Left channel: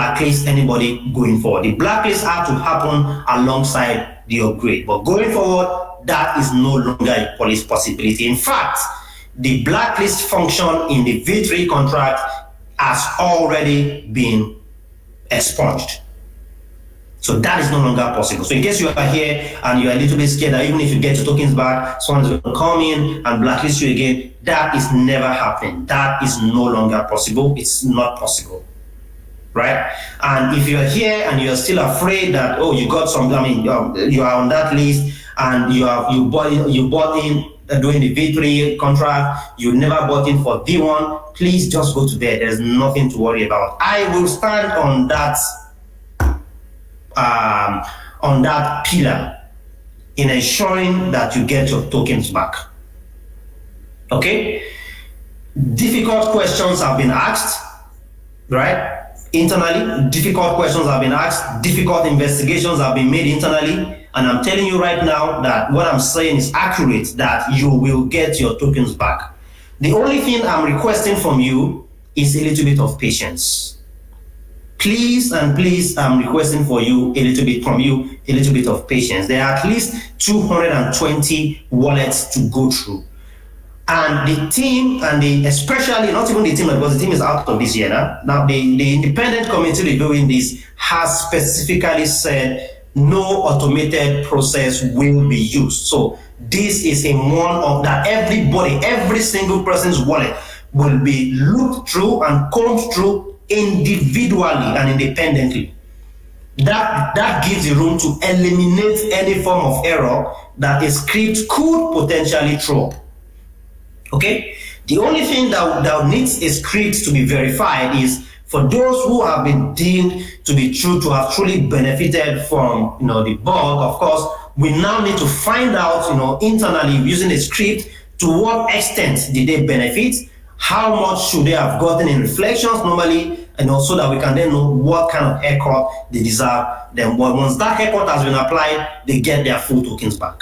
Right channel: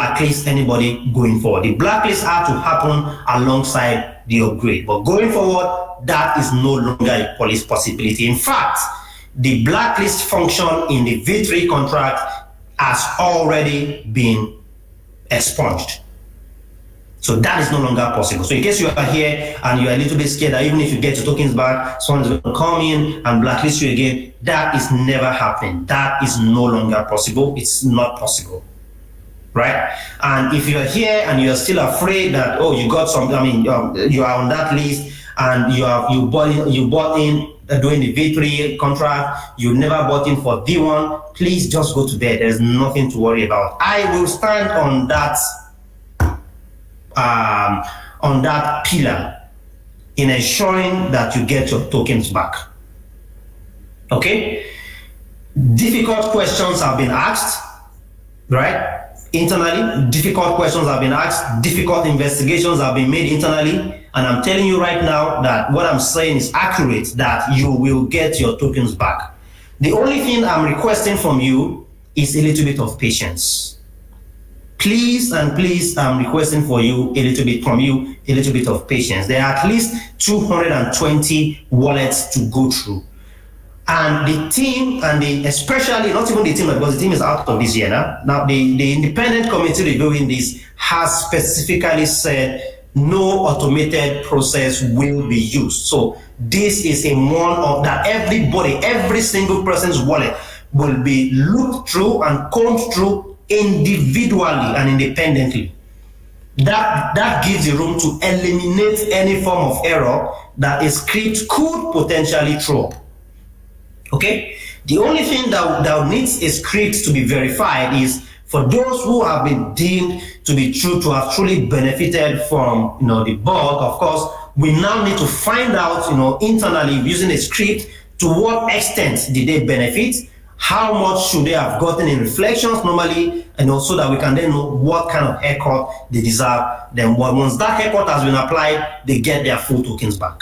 blacklist anybody going forward. The blacklist had to happen alongside the upgrade. But going forward, that is no longer a policy possibility. In fact, the blacklist function in the V3 contract has already been expunged. So that is no longer possible. So in case you are here and you are a little bit scared that even if you get your tokens back, someone is going to come in and blacklist you again, that is never happening. That is no longer possible. It's not possible. Right? And if you are here and you are still afraid that, oh, you got some, you are on that list and you bought in during the V3 contract, you never bought in for V1, please just go to bed. There's nothing to worry about. I will stand on that pillar in ensuring that you get your tokens back. Okay? Difficult questions have been asked, right? Internally, difficult questions have been asked, difficult investigations have been made internally, and I'm telling you right now that what I'm saying is accurate, that you will get your tokens back. The only thing I'm requesting from you is a little bit of patience. Please and please, I'm requesting for you a little bit of patience. There are at least 220 wallets to go through. And the team, especially not even the team, because the team is out of this year now. Now, the independent committee reviewing this has specifically said no automated process will be used. So this is a one-off that every single person's wallet will be looked through and combed through individually and independently. That gives the room to eliminate any form of error that a script could potentially throw. Okay? The only thing that needs a script to be verified is for those who have been deemed to be true, to have truly benefited from the bug. Of course, we now need to find out internally using a script to what extent did they benefit, how much should they have gotten in reflections normally, and also that we can then know what kind of haircut they deserve. Then once that haircut has been applied, they get their full tokens back.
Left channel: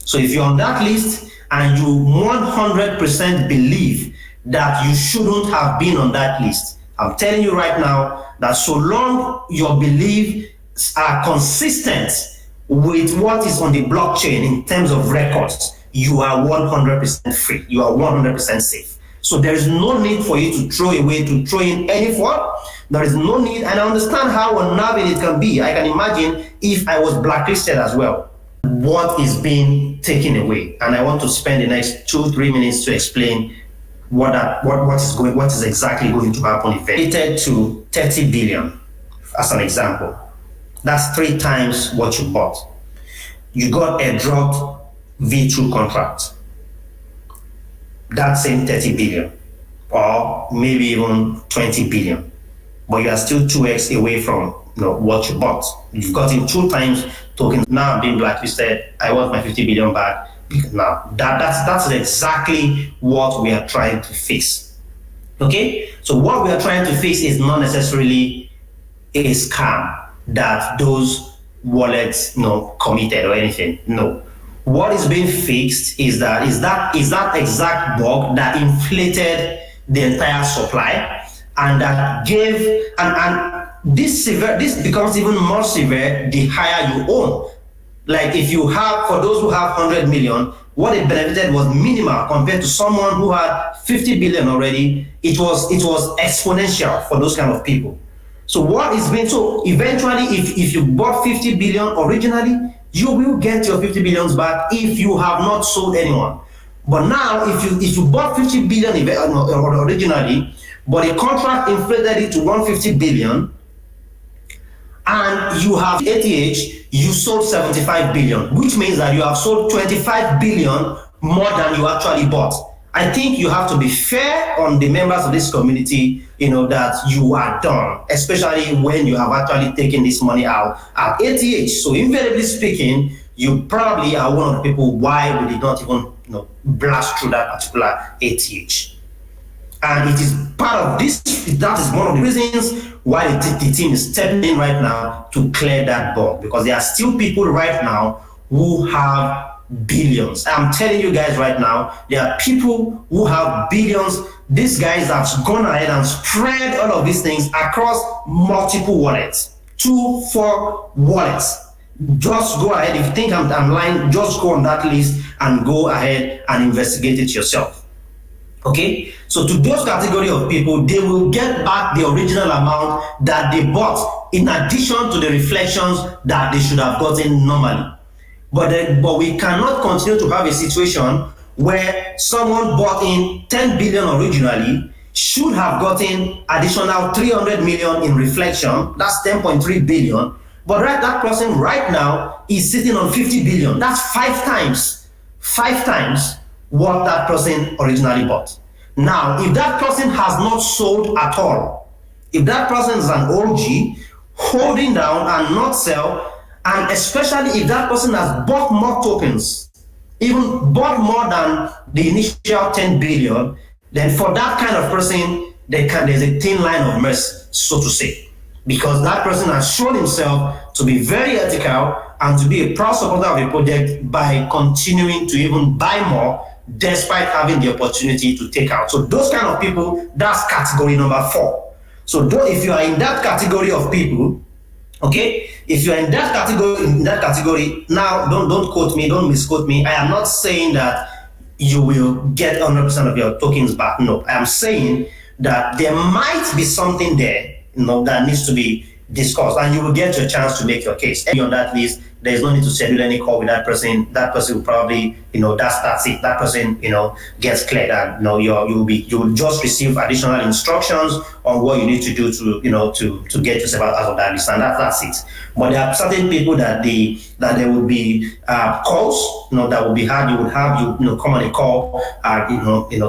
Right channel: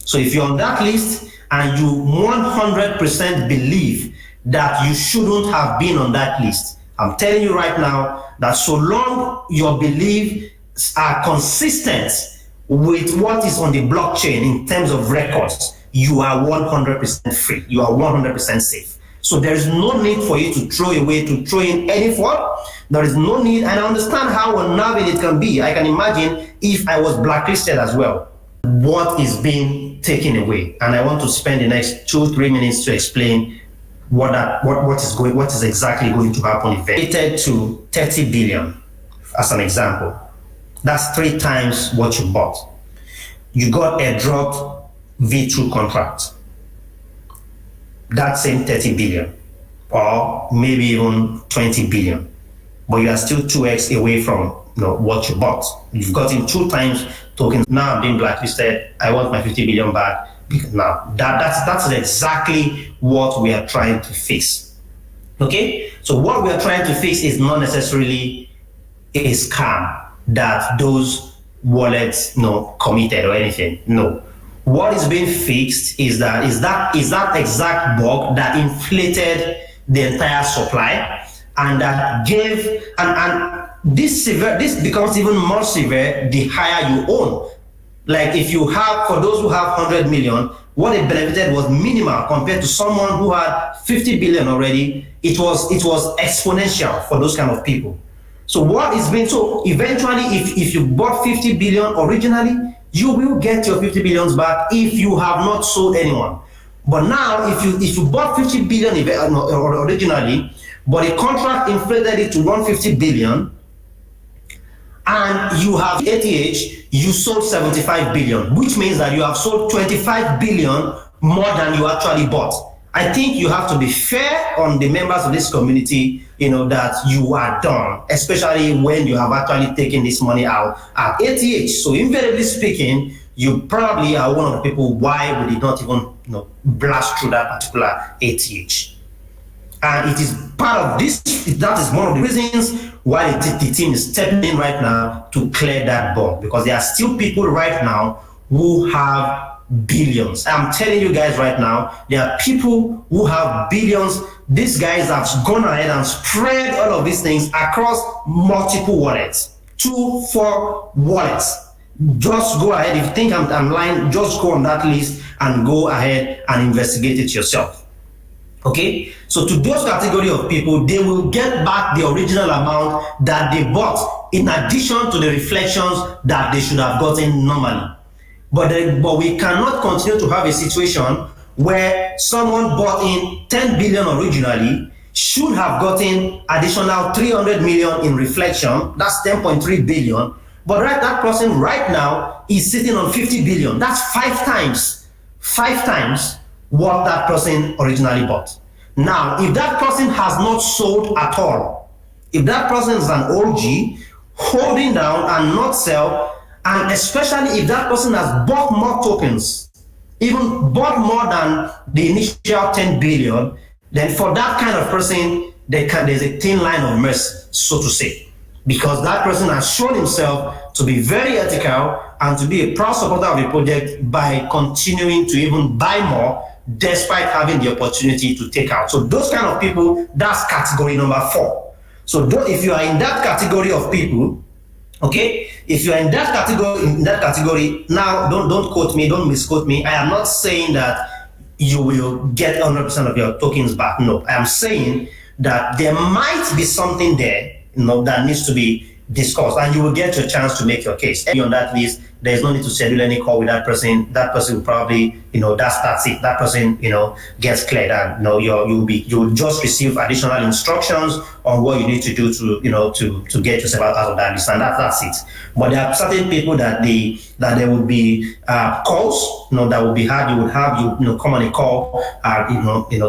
So if you're on that list and you 100% believe that you shouldn't have been on that list, I'm telling you right now that so long your beliefs are consistent with what is on the blockchain in terms of records, you are 100% free. You are 100% safe. So there is no need for you to throw in any fraud. There is no need, and I understand how unnerving it can be. I can imagine if I was blacklisted as well. What is being taken away? And I want to spend the next 2-3 minutes to explain what is exactly going to happen. Related to 30 billion, as an example. That's 3 times what you bought. You got a dropped V2 contract. That same 30 billion, or maybe even 20 billion, but you are still 2x away from what you bought. You've gotten 2 times tokens. Now I'm being blacklisted. I want my 50 billion back. Now that's exactly what we are trying to fix. Okay, so what we are trying to fix is not necessarily a scam that those wallets committed or anything. No. What is being fixed is that exact bug that inflated the entire supply, and that gave and this becomes even more severe the higher you own. Like if you have, for those who have 100 million, what they benefited was minimal compared to someone who had 50 billion already. It was exponential for those kind of people. So eventually if you bought 50 billion originally, you will get your 50 billions back if you have not sold anyone. But now, if you bought 50 billion originally, but the contract inflated it to 150 billion, and you have ATH, you sold 75 billion, which means that you have sold 25 billion more than you actually bought. I think you have to be fair on the members of this community, that you are done, especially when you have actually taken this money out at ATH. So invariably speaking, you probably are one of the people why we did not even blast through that particular ATH. And it is part of this, that is one of the reasons why the team is stepping in right now to clear that bug, because there are still people right now who have billions. I'm telling you guys right now, there are people who have billions. These guys have gone ahead and spread all of these things across multiple wallets, 2, 4 wallets. Just go ahead. If you think I'm lying, just go on that list and go ahead and investigate it yourself. Okay, so to those category of people, they will get back the original amount that they bought in addition to the reflections that they should have gotten normally. But we cannot continue to have a situation where someone bought in 10 billion originally should have gotten additional 300 million in reflection. That's 10.3 billion. But that person right now is sitting on 50 billion. That's 5 times what that person originally bought. Now, if that person has not sold at all, if that person is an OG, holding down and not sell, and especially if that person has bought more tokens, even bought more than the initial 10 billion, then for that kind of person, there's a thin line of mercy, so to say. Because that person has shown himself to be very ethical and to be a proud supporter of the project by continuing to even buy more despite having the opportunity to take out. So those kind of people, that's category number 4. So if you are in that category of people, okay, if you are in that category, now don't quote me, don't misquote me. I am not saying that you will get 100% of your tokens back. No, I am saying that there might be something there, that needs to be discussed, and you will get your chance to make your case. And on that list, there is no need to schedule any call with that person. That person will probably, that's it. That person, gets cleared, and you will just receive additional instructions on what you need to do to get yourself out of that list, and that's it. But there are certain people that there will be calls, that will be had. You would have come on a call,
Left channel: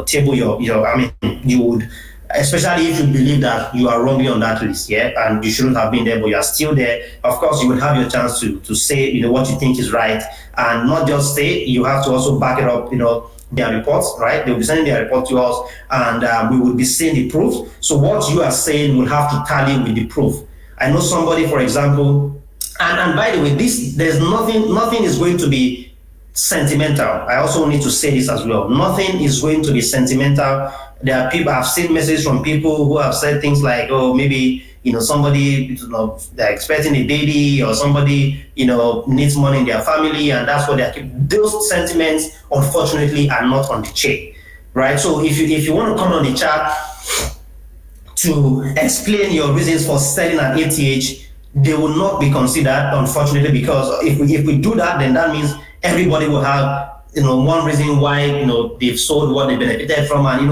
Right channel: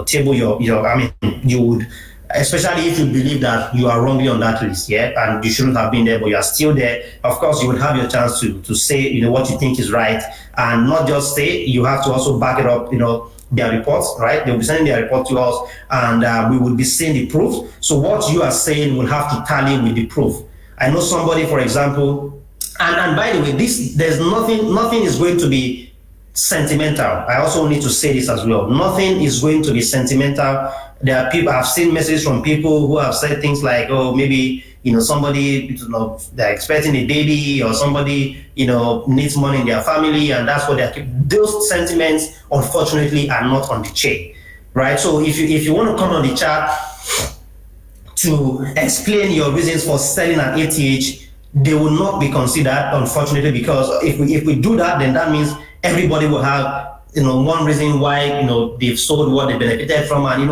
table you would. Especially if you believe that you are wrongly on that list, and you shouldn't have been there, but you are still there. Of course, you will have your chance to say, what you think is right, and not just say. You have to also back it up, their reports, right? They'll be sending their report to us, and we will be seeing the proof. So what you are saying will have to tally with the proof. I know somebody, for example, and by the way, there's nothing is going to be sentimental. I also need to say this as well. Nothing is going to be sentimental. There are people, I've seen messages from people who have said things like, oh, maybe, somebody, they're expecting a baby, or somebody, needs money in their family, and that's what those sentiments, unfortunately, are not on the chain, right? So if you want to come on the chat to explain your reasons for selling at ATH, they will not be considered, unfortunately, because if we do that, then that means everybody will have one reason why they've sold what they benefited from, and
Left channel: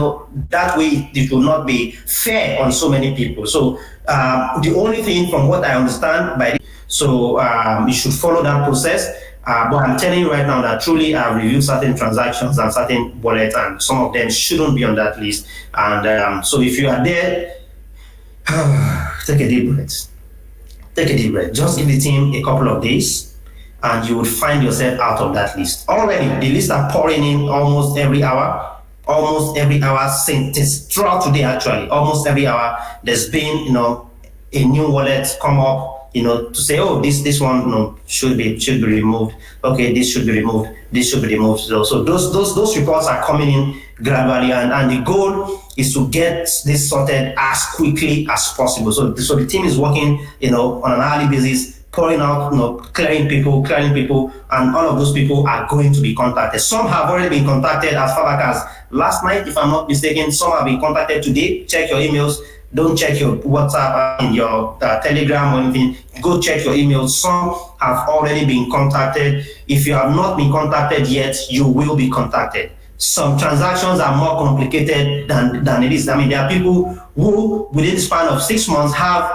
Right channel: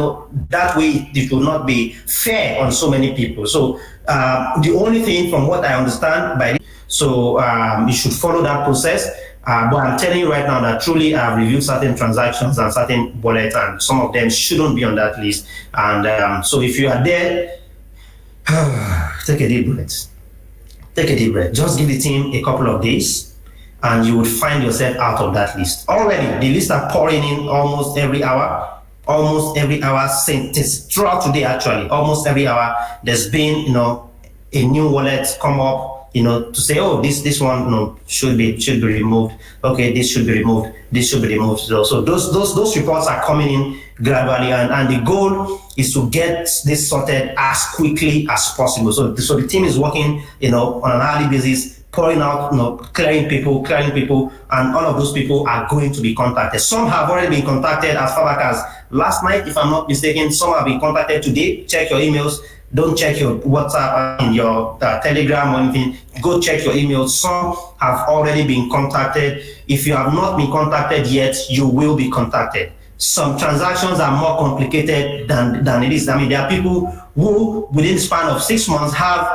that way it will not be fair on so many people. So the only thing, from what I understand, you should follow that process. But I'm telling you right now that truly I've reviewed certain transactions and certain wallets, and some of them shouldn't be on that list. And so if you are there, take a deep breath. Take a deep breath. Just give the team a couple of days, and you will find yourself out of that list. Already, the lists are pouring in almost every hour since throughout today, actually. Almost every hour, there's been, a new wallet come up, to say, oh, this one, should be removed. Okay, this should be removed. This should be removed. So those reports are coming in gradually, and the goal is to get this sorted as quickly as possible. So the team is working, on an hourly basis, pouring out, clearing people, and all of those people are going to be contacted. Some have already been contacted as far back as last night, if I'm not mistaken. Some have been contacted today. Check your emails. Don't check your WhatsApp and your Telegram or anything. Go check your emails. Some have already been contacted. If you have not been contacted yet, you will be contacted. Some transactions are more complicated than it is. I mean, there are people who, within the span of 6 months, have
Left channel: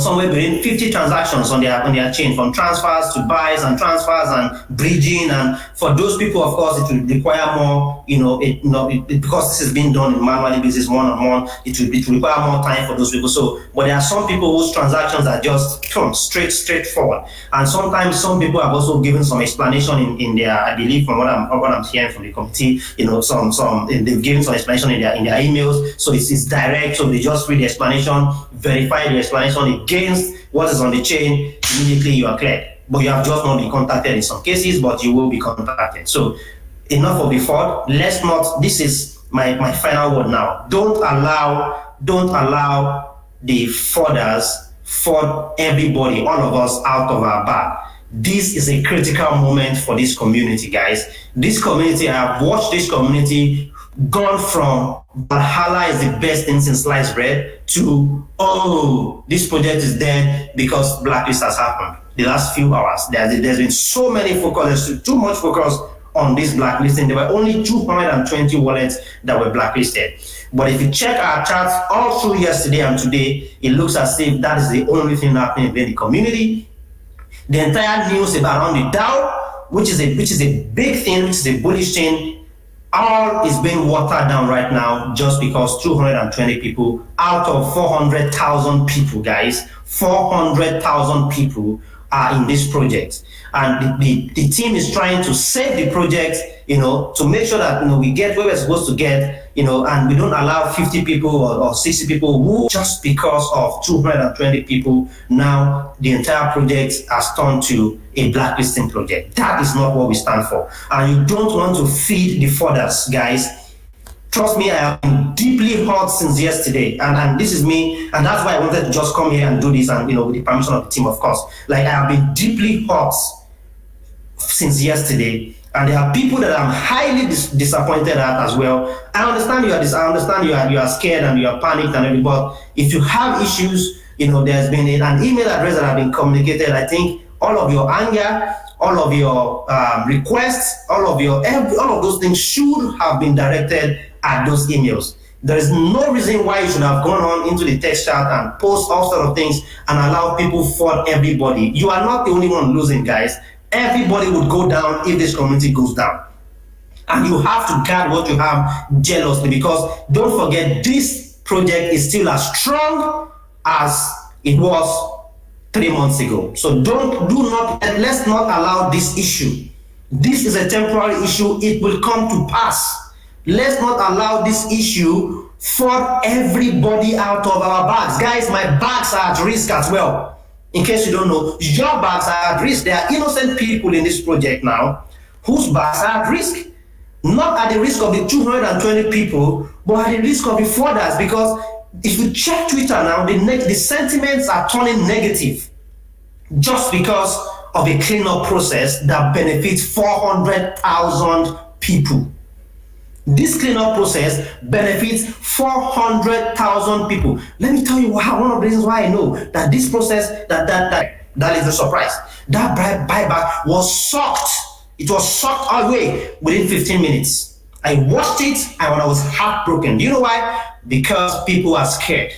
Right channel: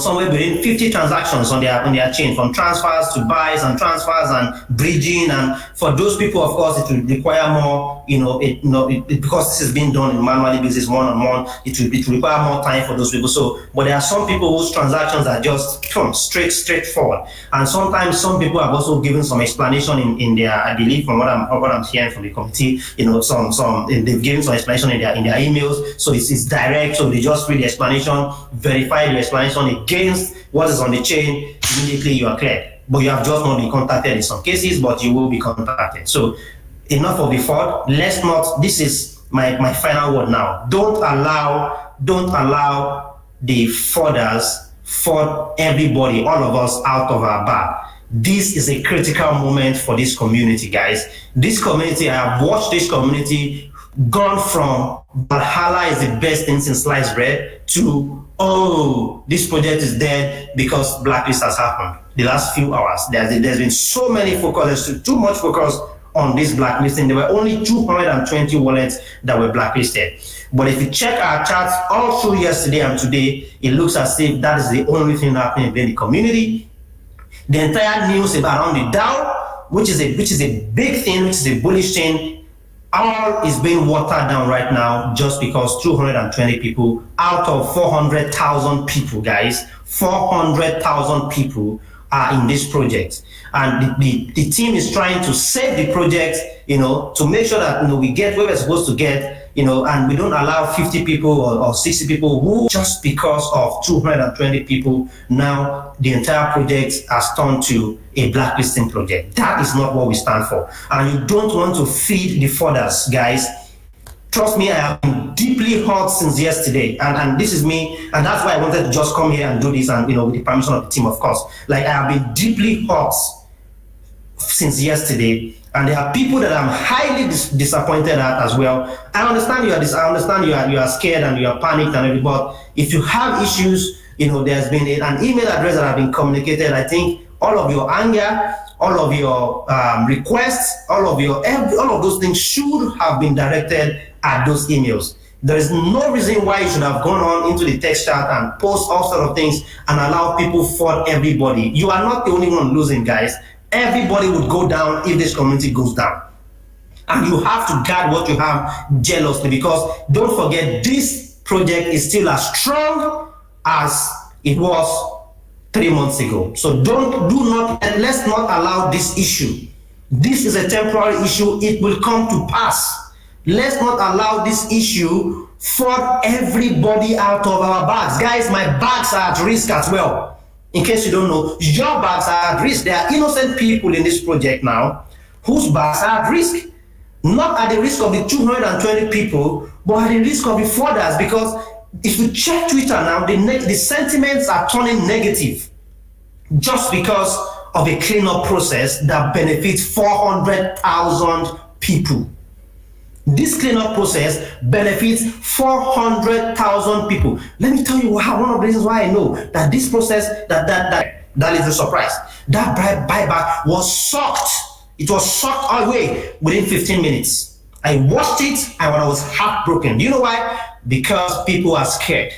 somewhere between 50 transactions on their chain, from transfers to buys and transfers and bridging. And for those people, of course, it will require more, because this is being done on manually basis, one-on-one, it will require more time for those people. So, but there are some people whose transactions are just straightforward. And sometimes some people have also given some explanation in their, I believe, from what I'm hearing from the committee, they've given some explanation in their emails. So it's direct. So they just read the explanation, verify the explanation, information against what is on the chain, immediately you are cleared. But you have just not been contacted in some cases, but you will be contacted. So enough of the fraud. Let's not, this is my final word now. Don't allow the frauders fraud everybody, all of us, out of our bag. This is a critical moment for this community, guys. This community, I have watched this community gone from Valhalla is the best thing since sliced bread to, oh, this project is dead because blacklist has happened. The last few hours, there's been so many focus, too much focus on this blacklisting. There were only 220 wallets that were blacklisted. But if you check our charts all through yesterday and today, it looks as if that is the only thing happening in the community. The entire news around the DAO, which is a big thing, which is a bullish thing, all is being watered down right now just because 220 people out of 400,000 people, guys, 400,000 people are in this project. And the team is trying to save the project, to make sure that, we get where we're supposed to get, and we don't allow 50 people or 60 people who, just because of 220 people, now the entire project has turned to a blacklisting project. That is not what we stand for. And you don't want to feed the frauders, guys. Trust me, I have been deeply hurt since yesterday, and this is me, and that's why I wanted to just come here and do this, and with the permission of the team, of course. Like, I have been deeply hurt since yesterday, and there are people that I'm highly disappointed at as well. I understand you are scared and you are panicked and everything, but if you have issues, there's been an email address that have been communicated. I think all of your anger, all of your requests, all of those things should have been directed at those emails. There is no reason why you should have gone on into the text chat and post all sort of things and allow people fraud everybody. You are not the only one losing, guys. Everybody would go down if this community goes down. And you have to guard what you have jealously, because don't forget, this project is still as strong as it was 3 months ago. So let's not allow this issue. This is a temporary issue. It will come to pass. Let's not allow this issue fraud everybody out of our bags. Guys, my bags are at risk as well. In case you don't know, your bags are at risk. There are innocent people in this project now whose bags are at risk. Not at the risk of the 220 people, but at the risk of the frauders. Because if you check Twitter now, the sentiments are turning negative just because of a cleanup process that benefits 400,000 people. This cleanup process benefits 400,000 people. Let me tell you one of the reasons why I know that this process, that is a surprise. That buyback was sucked. It was sucked away within 15 minutes. I watched it and I was heartbroken. Do you know why? Because people are scared.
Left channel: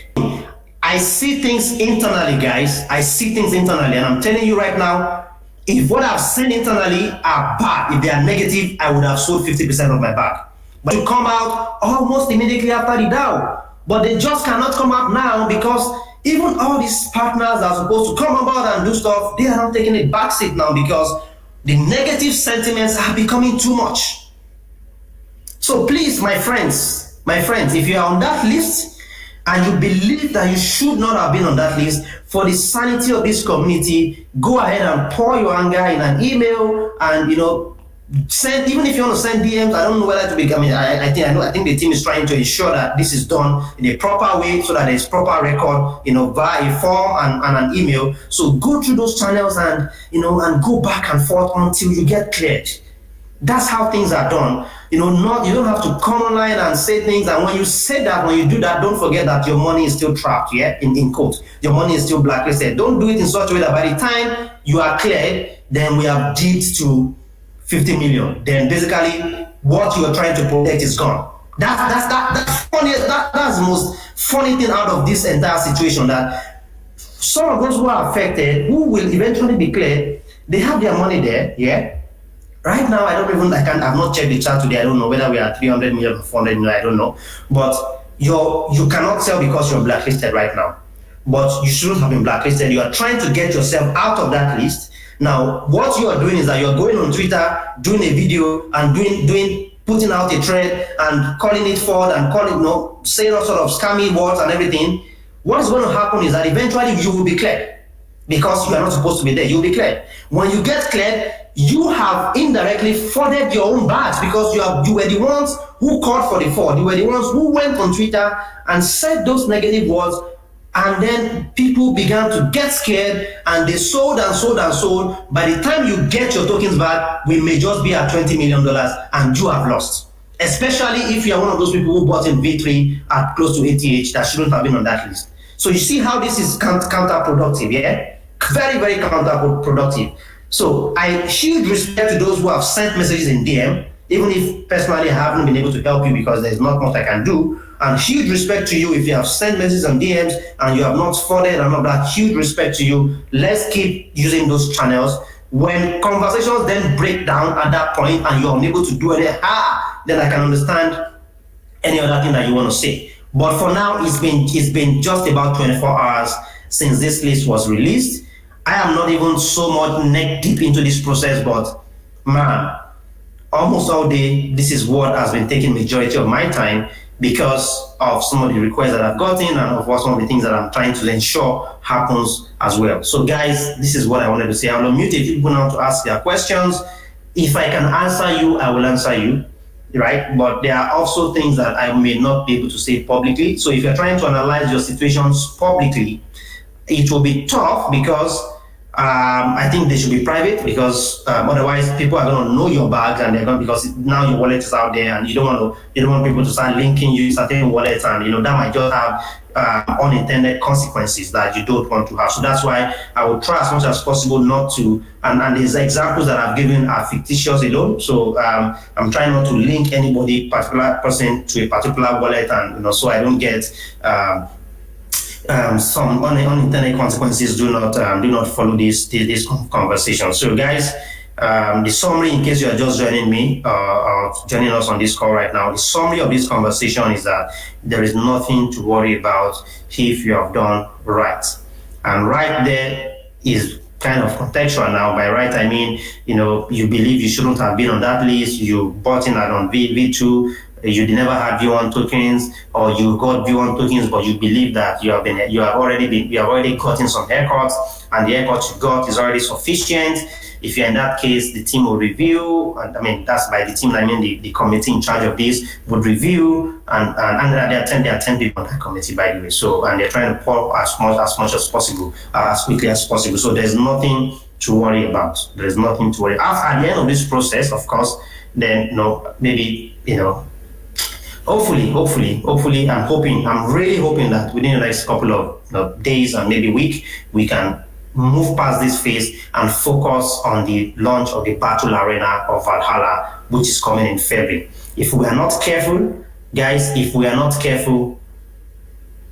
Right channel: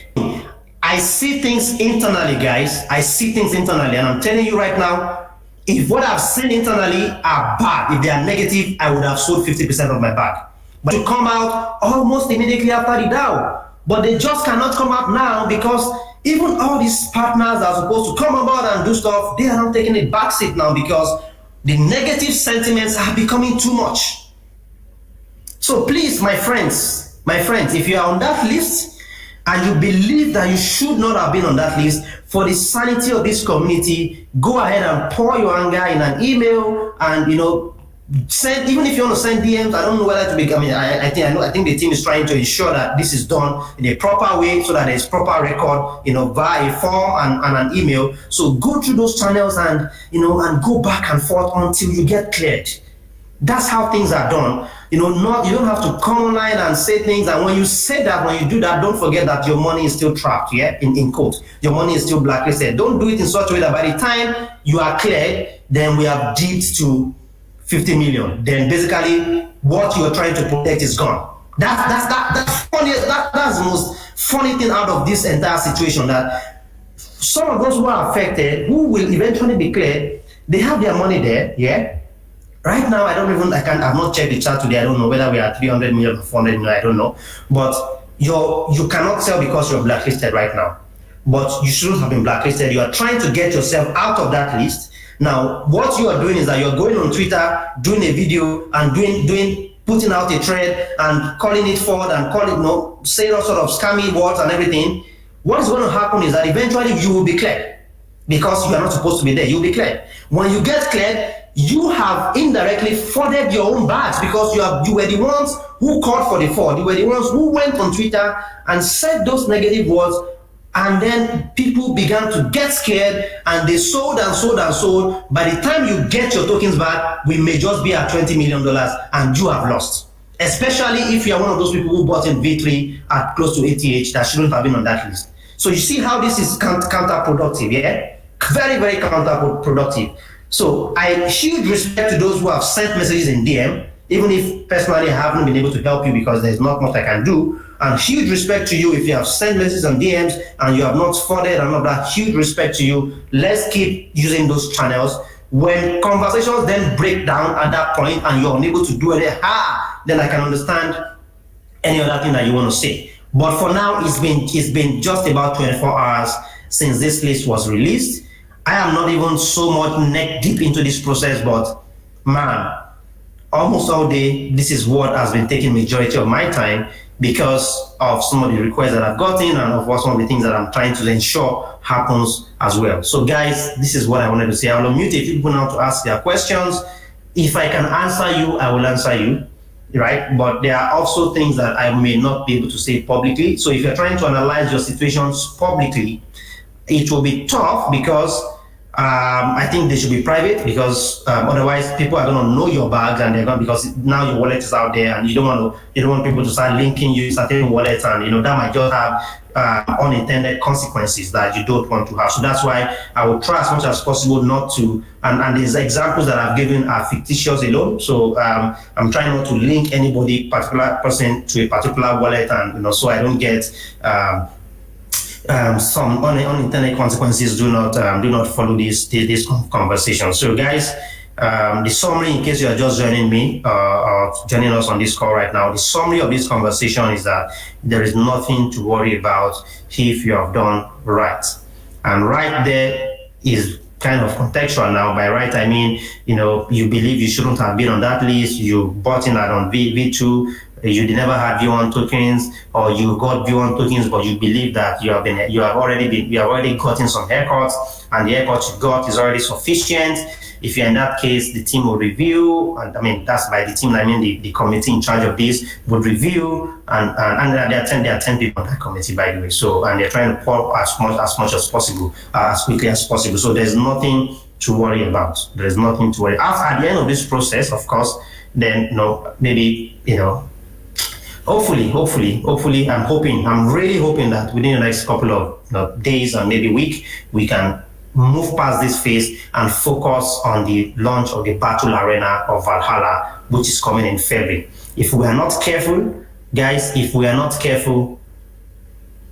I see things internally, guys. I see things internally, and I'm telling you right now, if what I've seen internally are bad, if they are negative, I would have sold 50% of my bag. But to come out almost immediately after the DAO. But they just cannot come out now because even all these partners that are supposed to come on board and do stuff, they are now taking a back seat now because the negative sentiments are becoming too much. So please, my friends, if you are on that list and you believe that you should not have been on that list, for the sanity of this community, go ahead and pour your anger in an email and, send, even if you want to send DMs. I don't know whether to be, I think the team is trying to ensure that this is done in a proper way so that there's proper record, via a form and an email. So go through those channels and, and go back and forth until you get cleared. That's how things are done. You don't have to come online and say things. And when you say that, when you do that, don't forget that your money is still trapped, in quotes. Your money is still blacklisted. Don't do it in such a way that by the time you are cleared, then we have dipped to 50 million. Then basically what you're trying to protect is gone. That's funny. That's the most funny thing out of this entire situation, that some of those who are affected, who will eventually be cleared, they have their money there, Right now, I've not checked the chart today. I don't know whether we are 300 million or 400 million, I don't know. But you cannot sell because you're blacklisted right now. But you shouldn't have been blacklisted. You are trying to get yourself out of that list. Now, what you are doing is that you're going on Twitter, doing a video and putting out a thread and calling it forward and saying all sort of scammy words and everything. what's going to happen is that eventually you will be cleared because you are not supposed to be there. You'll be cleared. When you get cleared, you have indirectly furthered your own badge because you were the ones who called for the fraud. You were the ones who went on Twitter and said those negative words, and then people began to get scared and they sold and sold and sold. By the time you get your tokens back, we may just be at $20 million and you have lost. Especially if you are one of those people who bought in V3 at close to ATH that shouldn't have been on that list. So you see how this is counterproductive, yeah? Very, very counterproductive. So I have huge respect to those who have sent messages in DM, even if personally I haven't been able to help you because there's not much I can do. And huge respect to you if you have sent messages and DMs and you have not forwarded and all that. Huge respect to you. Let's keep using those channels. When conversations then break down at that point and you're unable to do anything, then I can understand any other thing that you want to say. But for now, it's been just about 24 hours since this list was released. I am not even so much neck deep into this process, but man, almost all day, this is what has been taking majority of my time because of some of the requests that I've gotten and of some of the things that I'm trying to ensure happens as well. So guys, this is what I wanted to say. I'll unmute a few people now to ask their questions. If I can answer you, I will answer you, right? But there are also things that I may not be able to say publicly. So if you're trying to analyze your situations publicly, it will be tough because I think they should be private because otherwise people are going to know your bags and they're going because now your wallet is out there and you don't want people to start linking you certain wallets and that might just have unintended consequences that you don't want to have. So that's why I would try as much as possible not to. And these examples that I've given are fictitious alone. So I'm trying not to link anybody particular person to a particular wallet and so I don't get. Some unintended consequences do not follow this conversation. So guys, the summary, in case you are just joining me or joining us on this call right now, the summary of this conversation is that there is nothing to worry about if you have done right. And right there is kind of contextual now. By right, I mean, you believe you shouldn't have been on that list, you bought in on V2, you never had V1 tokens, or you got V1 tokens, but you believe that you have already gotten some haircuts, and the haircuts you got is already sufficient. If you're in that case, the team will review, and I mean that's by the team, I mean the committee in charge of this would review, and there are 10 people on that committee, by the way. So and they're trying to pour as much as possible, as quickly as possible. So there's nothing to worry about. There's nothing to worry. At the end of this process, of course, then maybe hopefully, I'm really hoping that within the next couple of days and maybe week, we can move past this phase and focus on the launch of the battle arena of Valhalla, which is coming in February. If we are not careful, guys,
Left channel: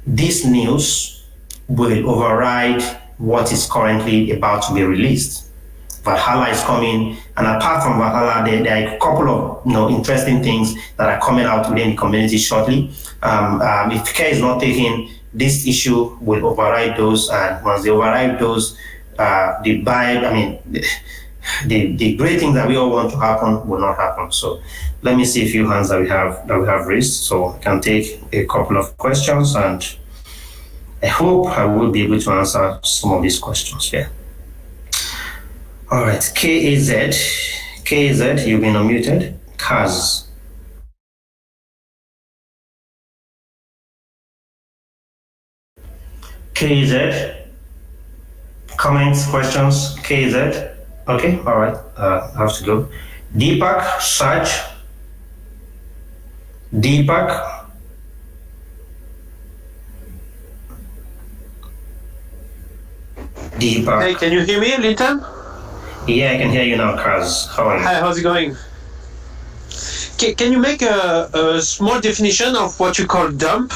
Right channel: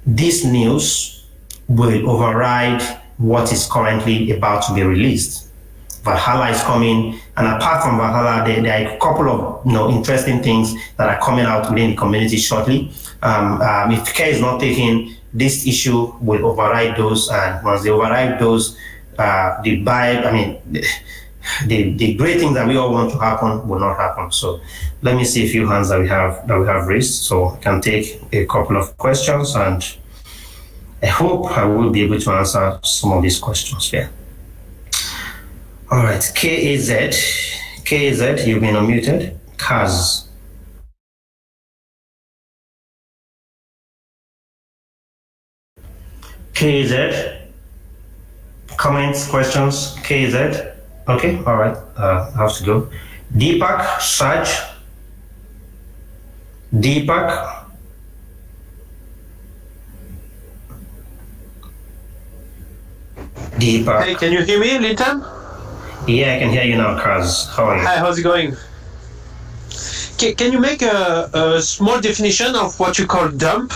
this news will override what is currently about to be released. Valhalla is coming, and apart from Valhalla, there are a couple of interesting things that are coming out within the community shortly. If care is not taken, this issue will override those, and once they override those, the great things that we all want to happen will not happen. So let me see a few hands that we have raised, so I can take a couple of questions, and I hope I will be able to answer some of these questions here. All right, KAZ, you've been unmuted. Kaz. KAZ, comments, questions, KAZ. Okay, all right, I have to go. Deepak, Saj. Deepak. Hey, can you hear me, Linton? Yeah, I can hear you now, Kaz. How are you? Hi, how's it going? Can you make a small definition of what you call dump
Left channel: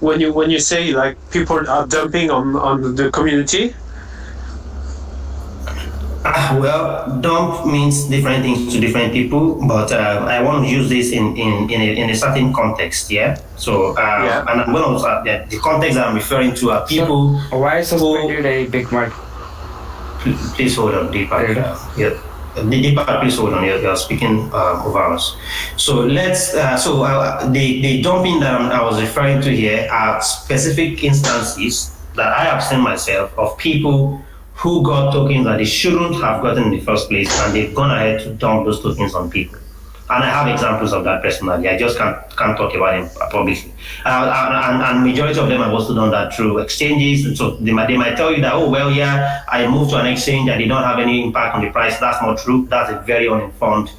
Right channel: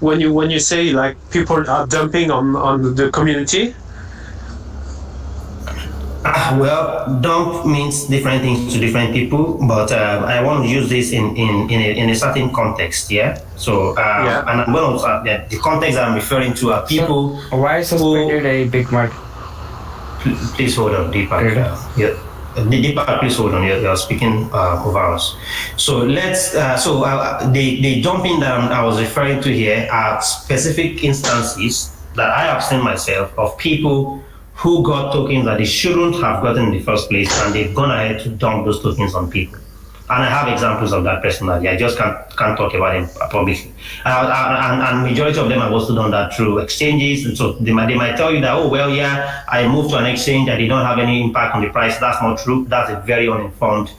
when you say like people are dumping on the community? Well, dump means different things to different people, but I want to use this in a certain context, yeah? So, and I'm going to, the context that I'm referring to are people. Why is suspended a big mark? Please hold on, Deepak. Yeah. Deepak, please hold on. You're speaking over us. So the dumping that I was referring to here are specific instances that I have seen myself of people who got tokens that they shouldn't have gotten in the first place, and they've gone ahead to dump those tokens on people. And I have examples of that personally. I just can't talk about them publicly. And majority of them have also done that through exchanges. And so they might tell you that, oh, well, yeah, I moved to an exchange. I did not have any impact on the price. That's not true. That's a very uninformed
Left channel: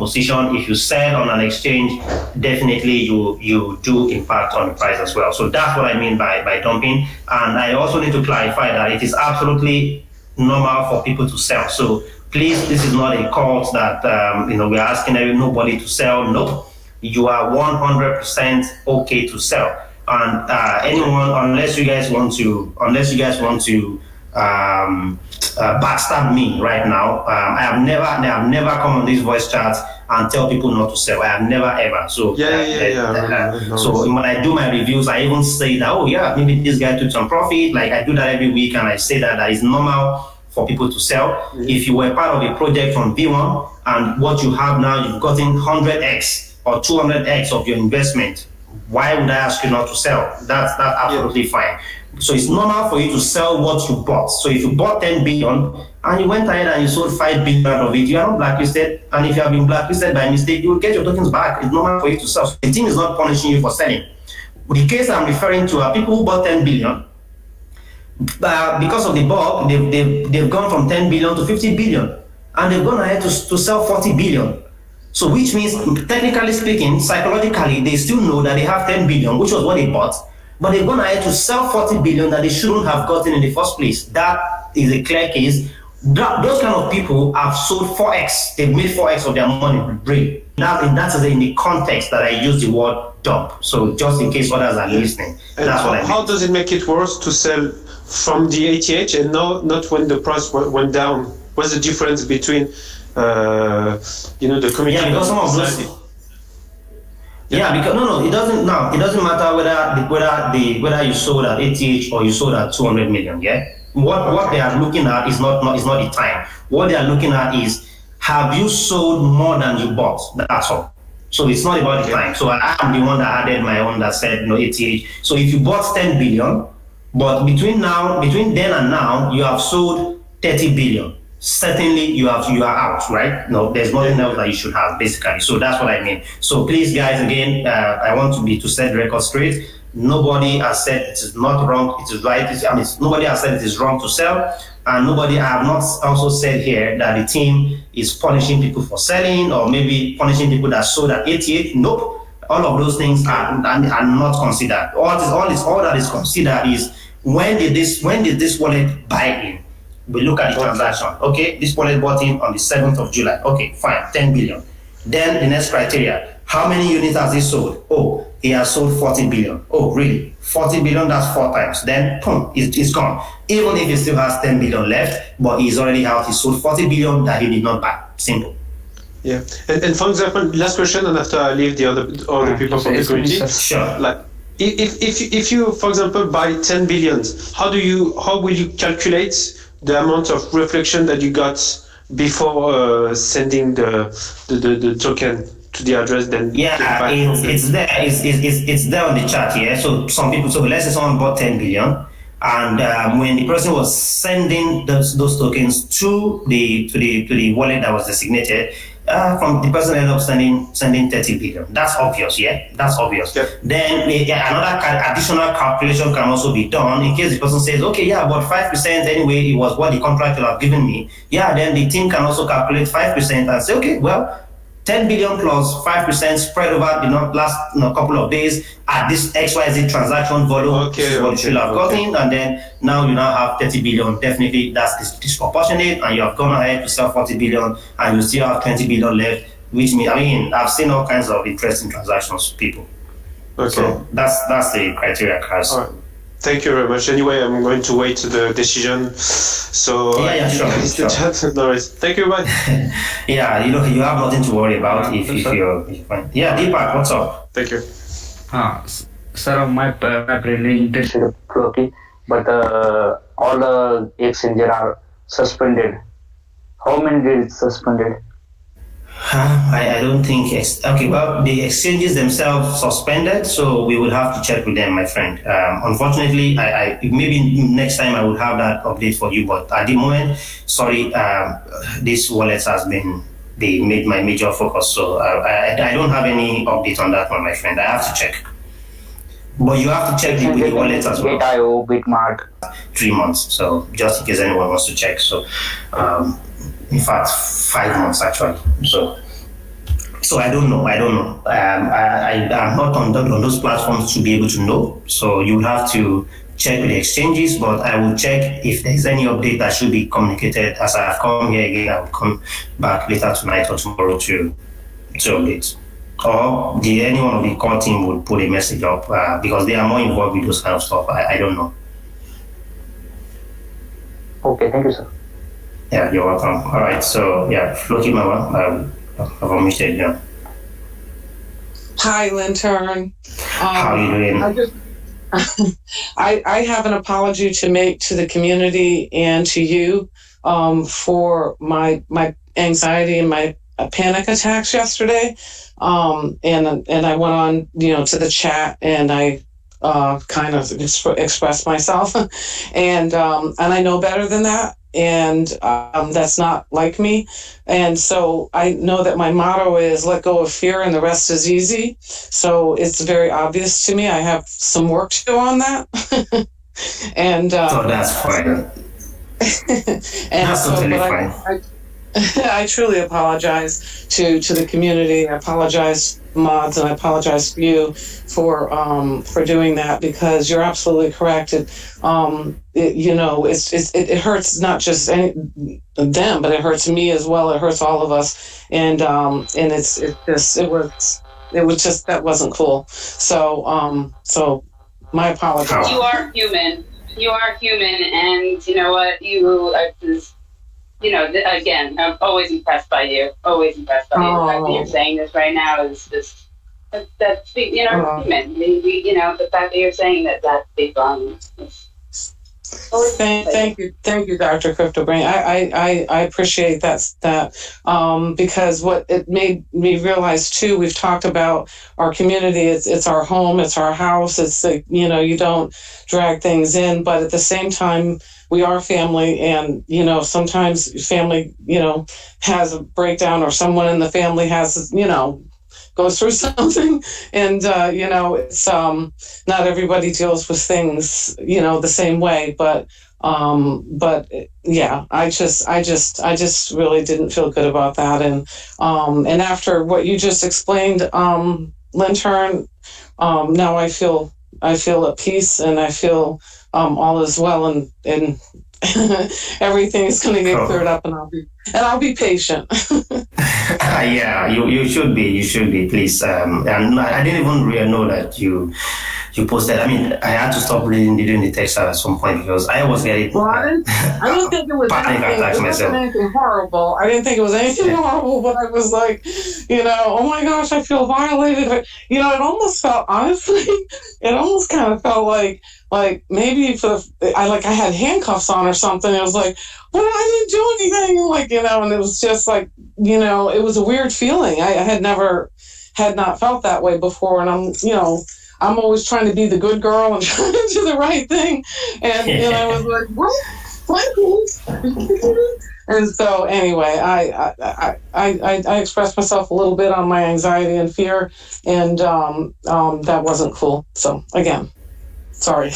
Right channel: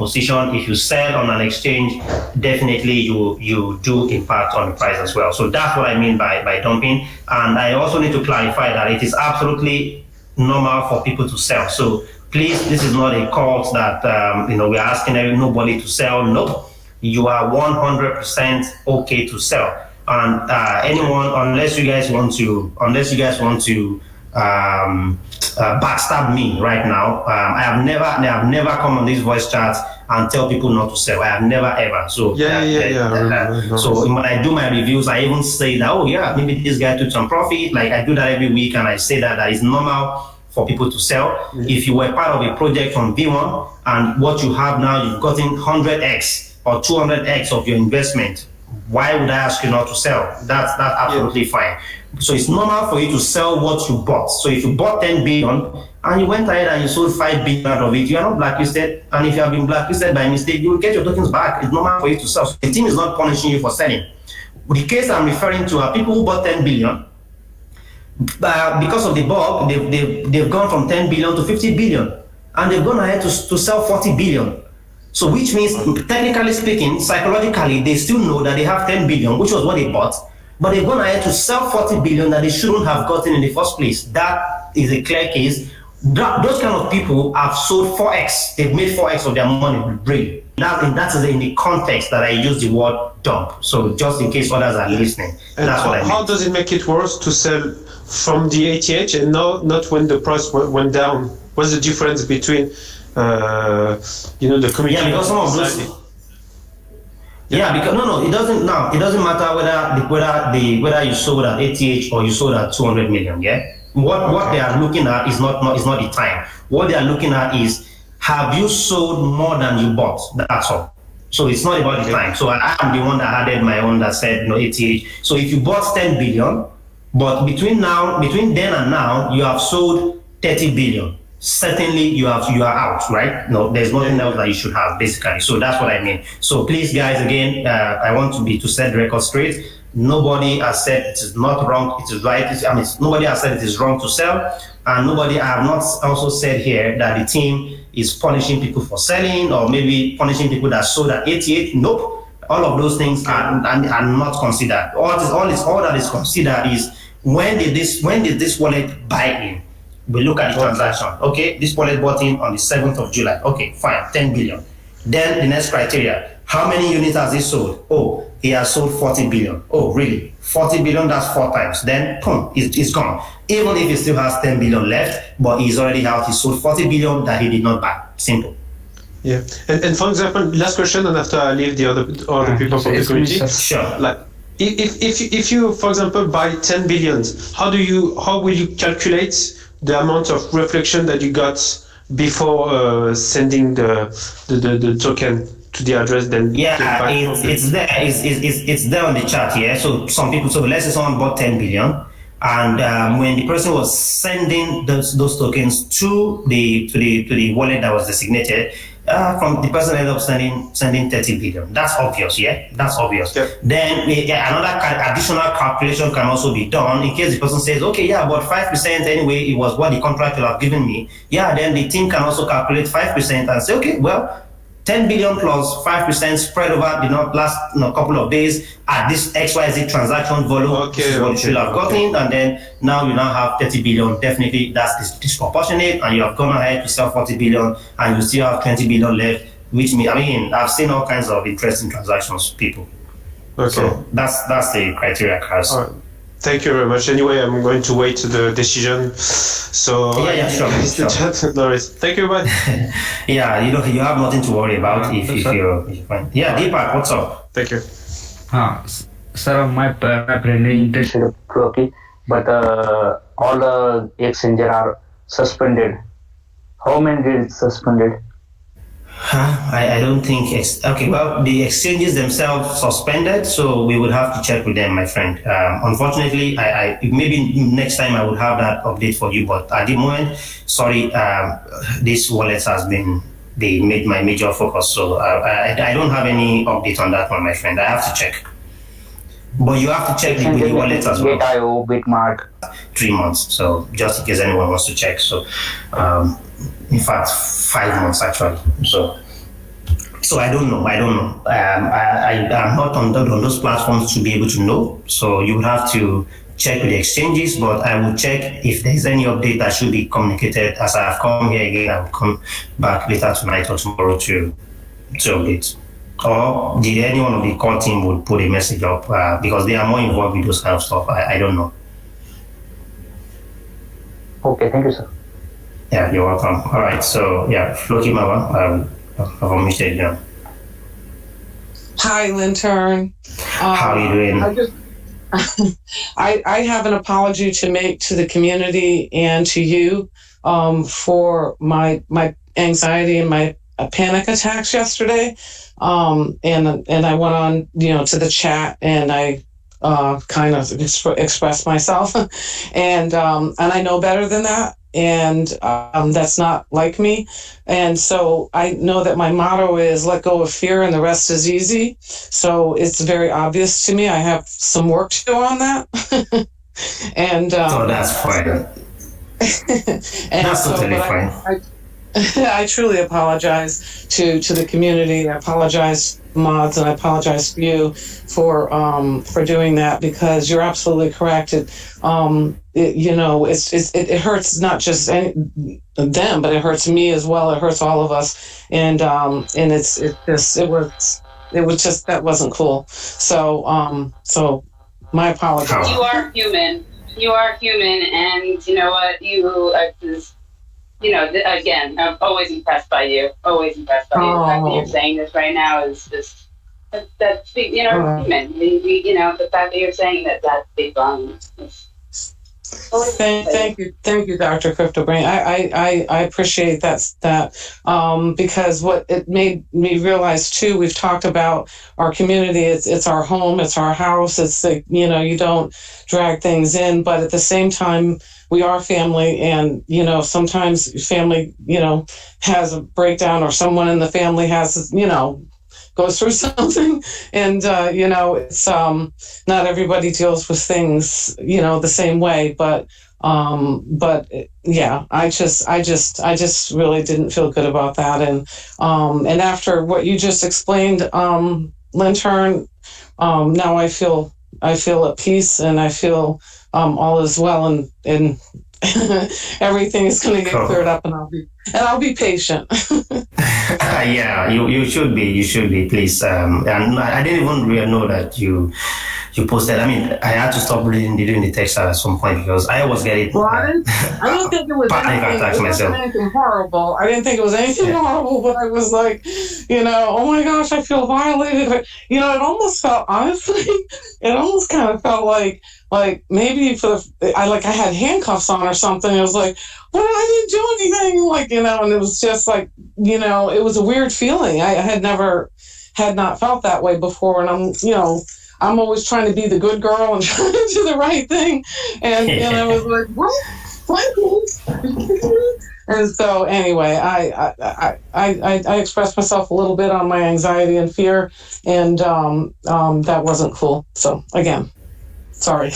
position. If you sell on an exchange, definitely you do impact on the price as well. So that's what I mean by dumping. And I also need to clarify that it is absolutely normal for people to sell. So please, this is not a cause that we are asking nobody to sell. Nope, you are 100% okay to sell. And anyone, unless you guys want to backstab me right now, I have never come on this voice chat and tell people not to sell. I have never ever. So so when I do my reviews, I even say that, oh yeah, maybe this guy took some profit. Like I do that every week, and I say that is normal for people to sell. Mm-hmm. If you were part of a project from V1 and what you have now, you've gotten 100x or 200x of your investment, why would I ask you not to sell? That's absolutely fine. So it's normal for you to sell what you bought. So if you bought 10 billion and you went ahead and you sold 5 billion out of it, you are not blacklisted. And if you have been blacklisted by mistake, you will get your tokens back. It's normal for you to sell. So the team is not punishing you for selling. The case I'm referring to are people who bought 10 billion. Because of the bug, they've gone from 10 billion to 50 billion, and they've gone ahead to sell 40 billion. So which means, technically speaking, psychologically, they still know that they have 10 billion, which was what they bought, but they've gone ahead to sell 40 billion that they shouldn't have gotten in the first place. That is a clear case. Those kind of people have sold 4x. They've made 4x of their money with brain. That is in the context that I use the word dump. So just in case others are listening, and that's what I mean. How does it make it worse to sell from the ATH and not when the price went down? What's the difference between the community? Yeah, because some of those. Yeah, because it doesn't matter whether you sold at ATH or you sold at 200 million. Yeah, what they are looking at is not the time. What they are looking at is, have you sold more than you bought? That's all. So it's not about the time. So I am the one that added my own that said ATH. So if you bought 10 billion. But between then and now, you have sold 30 billion. Certainly, you are out, right? No, there's nothing else that you should have, basically. So that's what I mean. So please, guys, again, I want to set the record straight. Nobody has said it is not wrong, it is right. Nobody has said it is wrong to sell, and I have not also said here that the team is punishing people for selling or maybe punishing people that sold at 88. Nope. All of those things are not considered. All that is considered is, when did this wallet buy in? We look at the transaction. Okay, this wallet bought in on the 7th of July. Okay, fine, 10 billion. Then the next criteria, how many units has he sold? Oh, he has sold 40 billion. Oh, really? 40 billion, that's 4 times. Then, it's gone. Even if he still has 10 billion left, but he sold 40 billion that he did not buy. Simple. Yeah, and for example, last question, and after I leave the other people from the community. Sure. Like, if you, for example, buy 10 billions, how will you calculate the amount of reflection that you got before sending the token to the address? Then it's there on the chart here. So some people, so let's say someone bought 10 billion. And when the person was sending those tokens to the wallet that was designated, from the person ended up sending 30 billion. That's obvious, yeah? That's obvious. Yep. Then another additional calculation can also be done in case the person says, okay, yeah, but 5% anyway, it was what the contract will have given me. Yeah, then the team can also calculate 5% and say, okay, well, 10 billion plus 5% spread over the last couple of days at this XYZ transaction volume, is what you should have gotten, and then now you now have 30 billion. Definitely that's disproportionate, and you have gone ahead to sell 40 billion, and you still have 20 billion left, which means, I've seen all kinds of interesting transactions, people. Okay. So that's the criteria, class. All right. Thank you very much. Anyway, I'm going to wait to the decision. So sure. Thank you, man. Yeah, you have nothing to worry about if you're fine. Yeah, Deepak, what's up? Thank you. Sir, my really interested in Floki, but all the exchanges are suspended How many days it's suspended? I don't think okay. Well, the exchanges themselves suspended, so we would have to check with them, my friend. Unfortunately, I maybe next time I would have that update for you, but at the moment, sorry, this wallet has been my major focus, so I don't have any update on that one, my friend. I have to check. Well, you have to check with the wallet as well. GetIO, Bitmark. 3 months, so just in case anyone wants to check. So, in fact, 5 months actually. So I don't know. I'm not on those platforms to be able to know. So you will have to check with the exchanges, but I will check if there's any update that should be communicated. As I have come here again, I will come back later tonight or tomorrow to update. Or any one of the core team would put a message up because they are more involved with those kind of stuff. I don't know. Okay, thank you, sir. Yeah, you're welcome. All right, so yeah, Floki Mawa, I've omitted you. Hi, Lintern. How are you doing? I have an apology to make to the community and to you for my anxiety and my panic attacks yesterday. And I went on, to the chat and I kind of expressed myself, and I know better than that, and that's not like me, and so I know that my motto is let go of fear and the rest is easy. So it's very obvious to me. I have some work to do on that, and so that's fine. and that's totally fine. I truly apologize to the community, and I apologize mods, and I apologize to you for doing that, because you're absolutely correct. It hurts not just them, but it hurts me as well. It hurts all of us, and it was just that wasn't cool. So my apologies. You are human. You are human, and you know what? Again, I'm always impressed by you. Always impressed by you. The fact that you're saying this right now is just that's human. The fact that you're saying that big volumes. Thank you, Dr. Crypto Green. I appreciate that because what it made me realize too. We've talked about our community. It's our home. It's our house. It's like, you don't drag things in, but at the same time, we are family, and sometimes family has a breakdown, or someone in the family has goes through something, and it's not everybody deals with things the same way, but yeah, I just really didn't feel good about that, and after what you just explained, Lintern, now I feel at peace, and I feel all is well, and everything is going to get cleared up, and I'll be patient. Yeah, you should be, please. And I didn't even really know that you posted. I mean, I had to stop reading the text at some point because I was getting. Well, I didn't think it was anything horrible. I didn't think it was anything horrible, but I was like, oh my gosh, I feel violated. It almost felt, honestly, it almost kind of felt like maybe I had handcuffs on or something. It was like, what? I didn't do anything. And it was just like, it was a weird feeling. I had not felt that way before. And I'm always trying to be the good girl and trying to do the right thing. And I was like, what? And so anyway, I expressed myself a little bit on my anxiety and fear, and that wasn't cool. So again, sorry.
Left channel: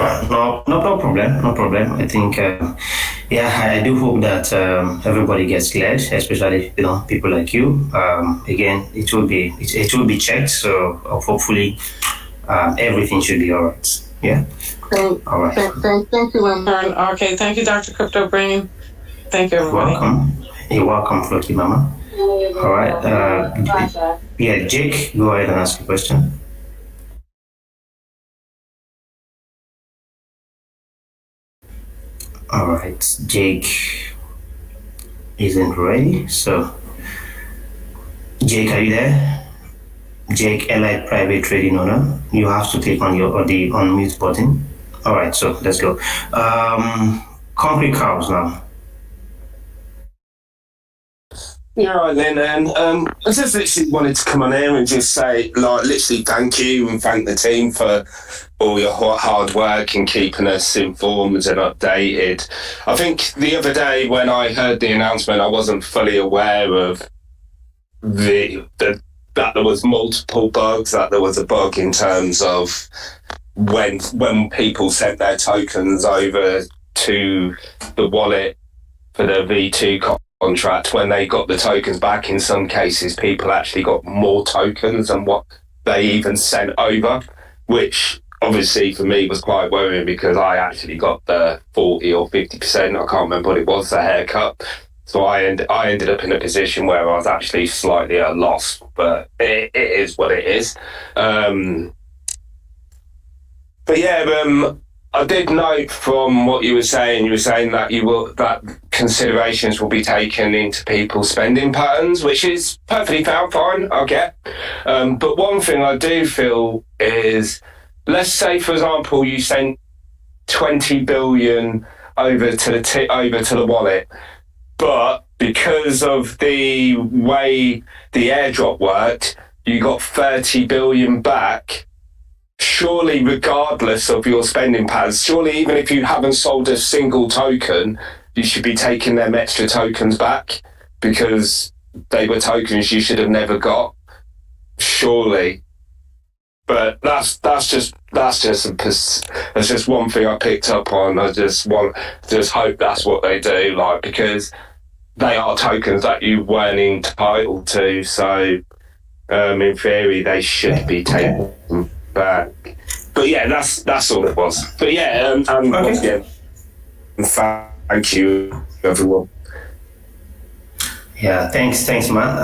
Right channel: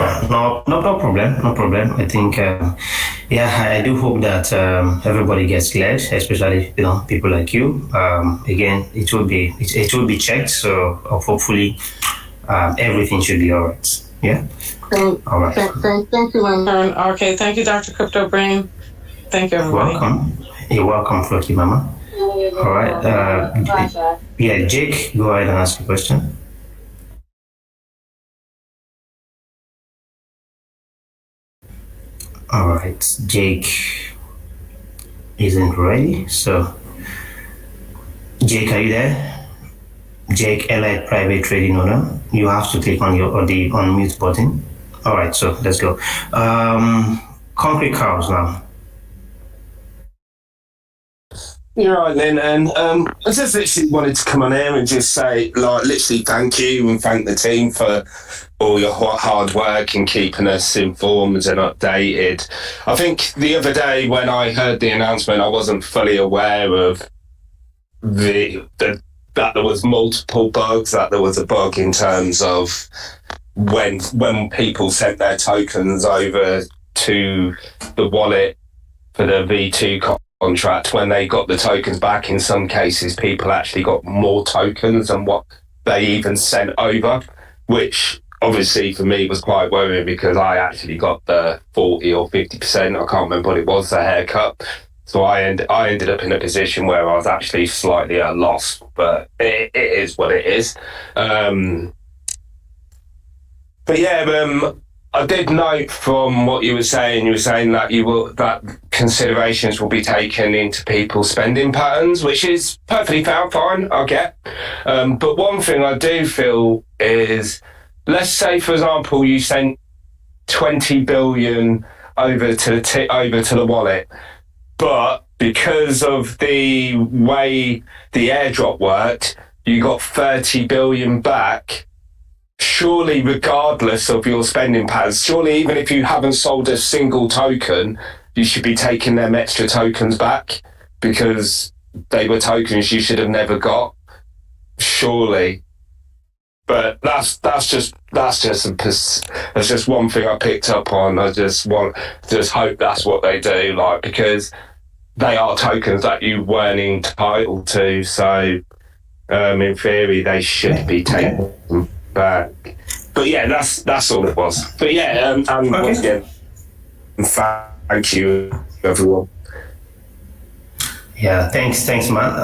No problem. I think, I do hope that everybody gets cleared, especially people like you. Again, it will be checked, so hopefully everything should be all right. Yeah. All right. Thank you, Lintern. Okay, thank you, Dr. Crypto Brain. Thank you, everybody. You're welcome, Floki Mama. All right. Jake, go ahead and ask a question. All right, Jake isn't ready. So, Jake, are you there? Jake, Allied Private Trading Owner. You have to click on the unmute button. All right, so let's go. Concrete cows now. You're right then, and I just literally wanted to come on here and just say, like, literally thank you and thank the team for all your hard work and keeping us informed and updated. I think the other day when I heard the announcement, I wasn't fully aware of that there was multiple bugs, that there was a bug in terms of when people sent their tokens over to the wallet for the V2 contract, when they got the tokens back, in some cases people actually got more tokens than what they even sent over, which obviously for me was quite worrying because I actually got the 40 or 50%, I can't remember what it was, the haircut. So I ended up in a position where I was actually slightly at a loss, but it is what it is. But yeah, I did note from what you were saying that that considerations will be taken into people's spending patterns, which is perfectly fine, I get. But one thing I do feel is, let's say, for example, you sent 20 billion over to the wallet, but because of the way the airdrop worked, you got 30 billion back. Surely, regardless of your spending patterns, surely even if you haven't sold a single token, you should be taking them extra tokens back because they were tokens you should have never got. Surely. But that's just one thing I picked up on. I just hope that's what they do, like, because they are tokens that you weren't entitled to. So, in theory, they should be taken back. But yeah, that's all it was. But yeah, once again, thank you, everyone. Yeah, thanks, Matt.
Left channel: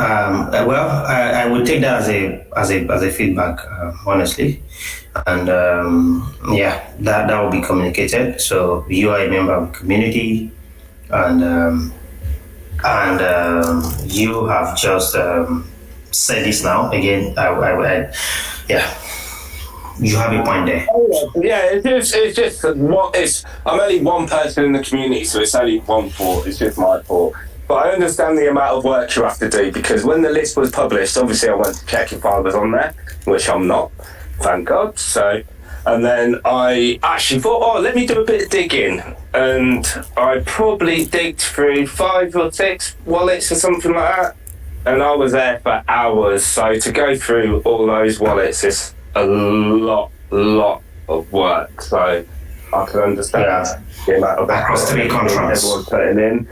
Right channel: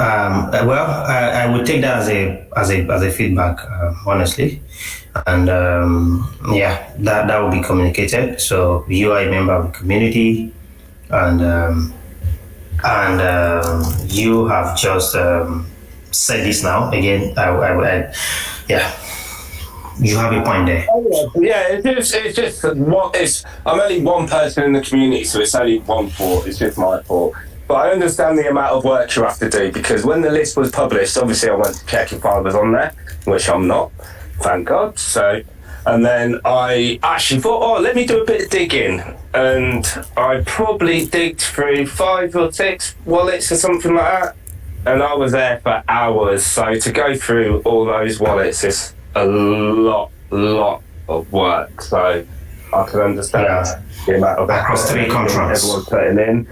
Well, I would take that as a feedback, honestly, and yeah, that will be communicated. So you are a member of the community, and you have just said this now again. Yeah, you have a point there. Yeah, it's just I'm only one person in the community, so it's only one fault. It's just my fault. But I understand the amount of work you have to do, because when the list was published, obviously I went to check if I was on there, which I'm not, thank God. So, and then I actually thought, let me do a bit of digging. And I probably digged through 5 or 6 wallets or something like that. And I was there for hours. So to go through all those wallets is a lot of work. So I can understand the amount of effort everyone's putting in.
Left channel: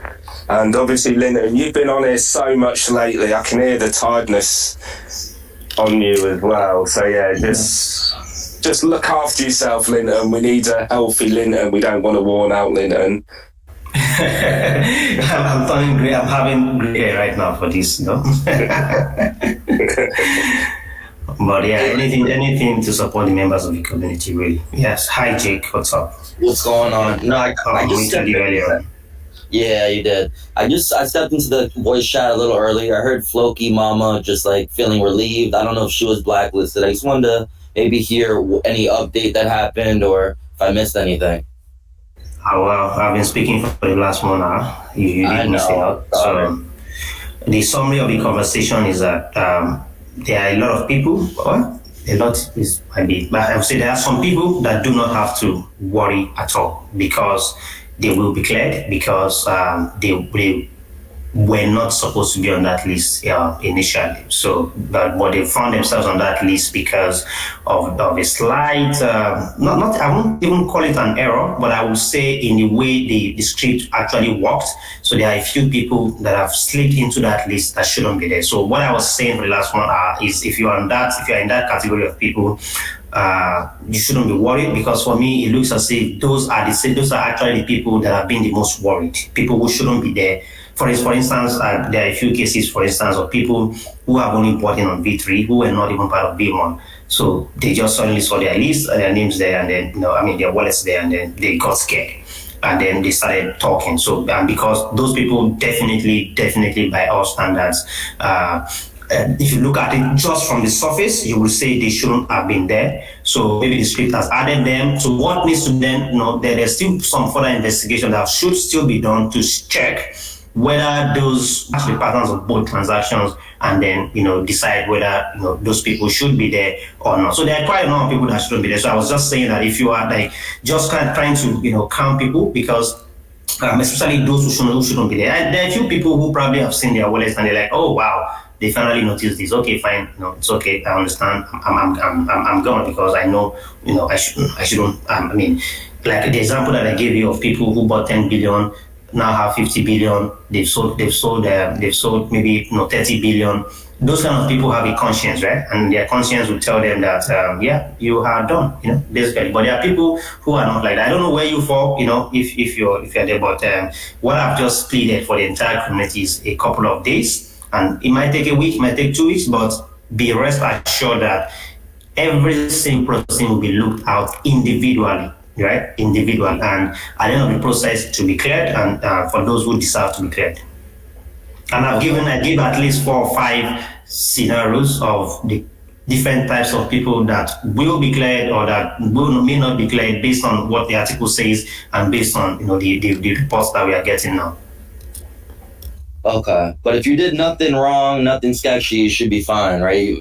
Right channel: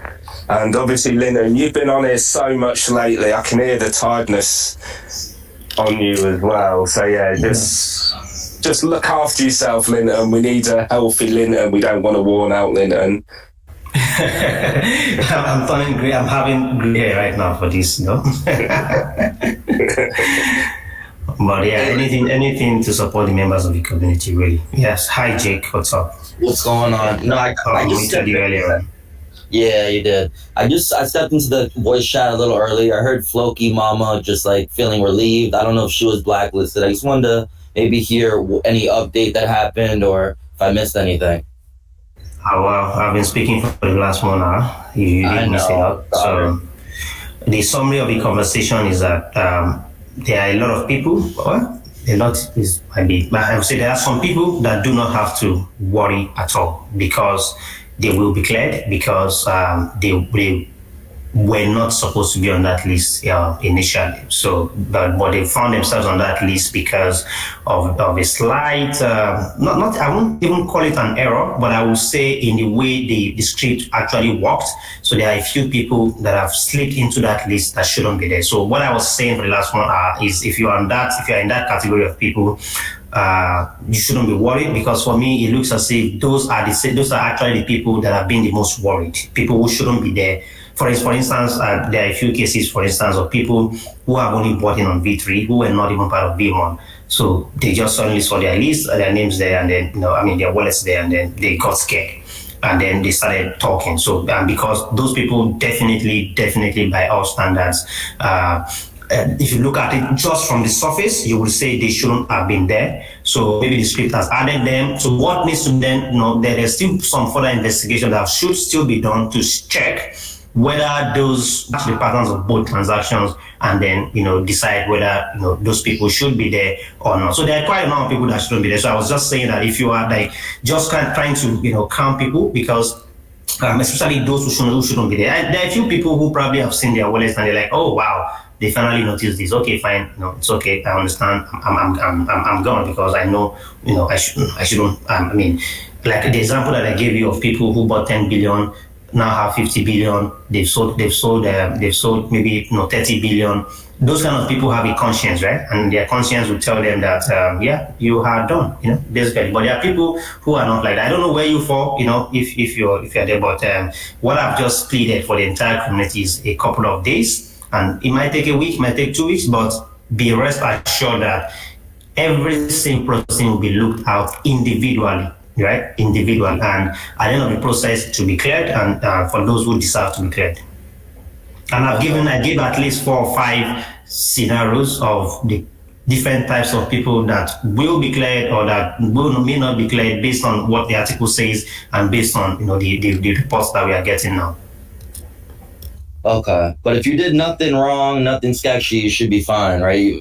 And obviously, Linton, you've been on here so much lately. I can hear the tiredness on you as well. So yeah, just look after yourself, Linton. We need a healthy Linton. We don't want a worn out Linton. I'm feeling great. I'm having great hair right now for this, But yeah, anything to support the members of the community, really. Yes. Hi, Jake. What's up? What's going on? I meted you earlier. Yeah, you did. I stepped into the voice chat a little early. I heard Floki Mama just like feeling relieved. I don't know if she was blacklisted. I just wanted to maybe hear any update that happened or if I missed anything. Well, I've been speaking for the last 1 hour. You didn't miss a lot. So the summary of the conversation is that there are a lot of people, I would say there are some people that do not have to worry at all because they will be cleared, because they were not supposed to be on that list initially. So, but they found themselves on that list because of a slight, I won't even call it an error, but I would say in the way the script actually worked. So there are a few people that have slipped into that list that shouldn't be there. So what I was saying for the last 1 hour is if you're in that category of people, you shouldn't be worried, because for me it looks as if those are actually the people that have been the most worried, people who shouldn't be there. For instance, there are a few cases, for instance, of people who have only bought in on B3 who were not even part of B1. So they just suddenly saw their list, their names there, and then their wallets there, and then they got scared. And then they started talking. So because those people definitely by all standards, if you look at it just from the surface, you will say they shouldn't have been there. So maybe the script has added them. So what needs to then, there's still some further investigation that should still be done to check whether those actually patterns of both transactions, and then decide whether those people should be there or not. So there are quite a number of people that shouldn't be there. So I was just saying that if you are like just trying to calm people, because especially those who shouldn't be there, and there are a few people who probably have seen their wallets and they're like, oh wow, they finally noticed this. Okay, fine, it's okay, I understand. I'm gone, because I know I shouldn't. I mean, like the example that I gave you of people who bought 10 billion now have 50 billion. They've sold maybe 30 billion. Those kind of people have a conscience, right? And their conscience will tell them that you are done, basically. But there are people who are not like that. I don't know where you fall, if you're there. But what I've just pleaded for the entire community is a couple of days, and it might take a week, it might take 2 weeks, but be rest assured that every single person will be looked out individually. Right, individual, and at the end of the process it will be cleared, and for those who deserve to be cleared. And I give at least 4 or 5 scenarios of the different types of people that will be cleared or that may not be cleared based on what the article says and based on the reports that we are getting now. Okay, but if you did nothing wrong, nothing sketchy, you should be fine, right?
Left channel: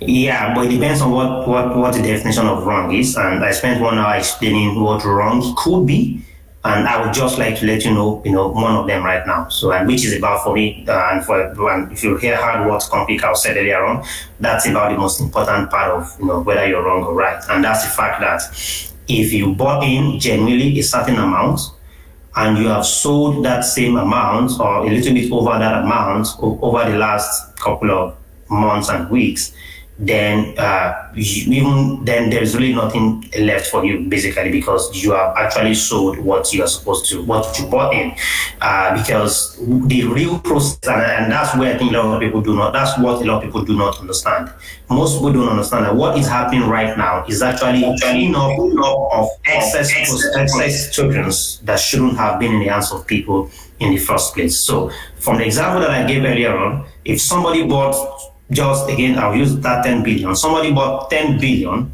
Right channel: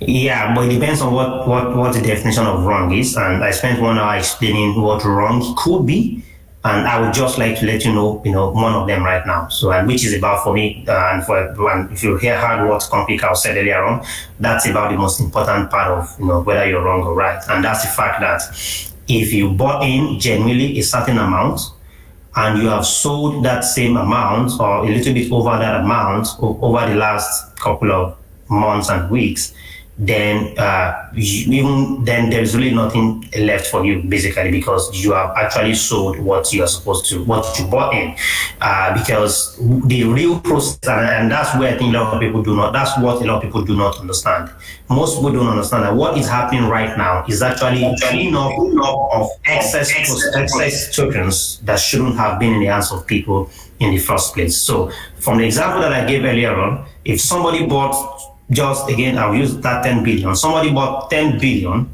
Yeah, but it depends on what the definition of wrong is, and I spent 1 hour explaining what wrong could be, and I would just like to let you know, one of them right now. So, and which is about for me, and if you hear hard what's complete, I said earlier on, that's about the most important part of whether you're wrong or right, and that's the fact that if you bought in genuinely a certain amount, and you have sold that same amount or a little bit over that amount over the last couple of months and weeks, then even then there's really nothing left for you, basically, because you have actually sold what you bought in, because the real process, and that's where I think that's what a lot of people do not understand. Most people don't understand that what is happening right now is actually cleaning up of excess tokens that shouldn't have been in the hands of people in the first place. So from the example that I gave earlier on, if somebody bought, just again, I'll use that 10 billion. Somebody bought 10 billion.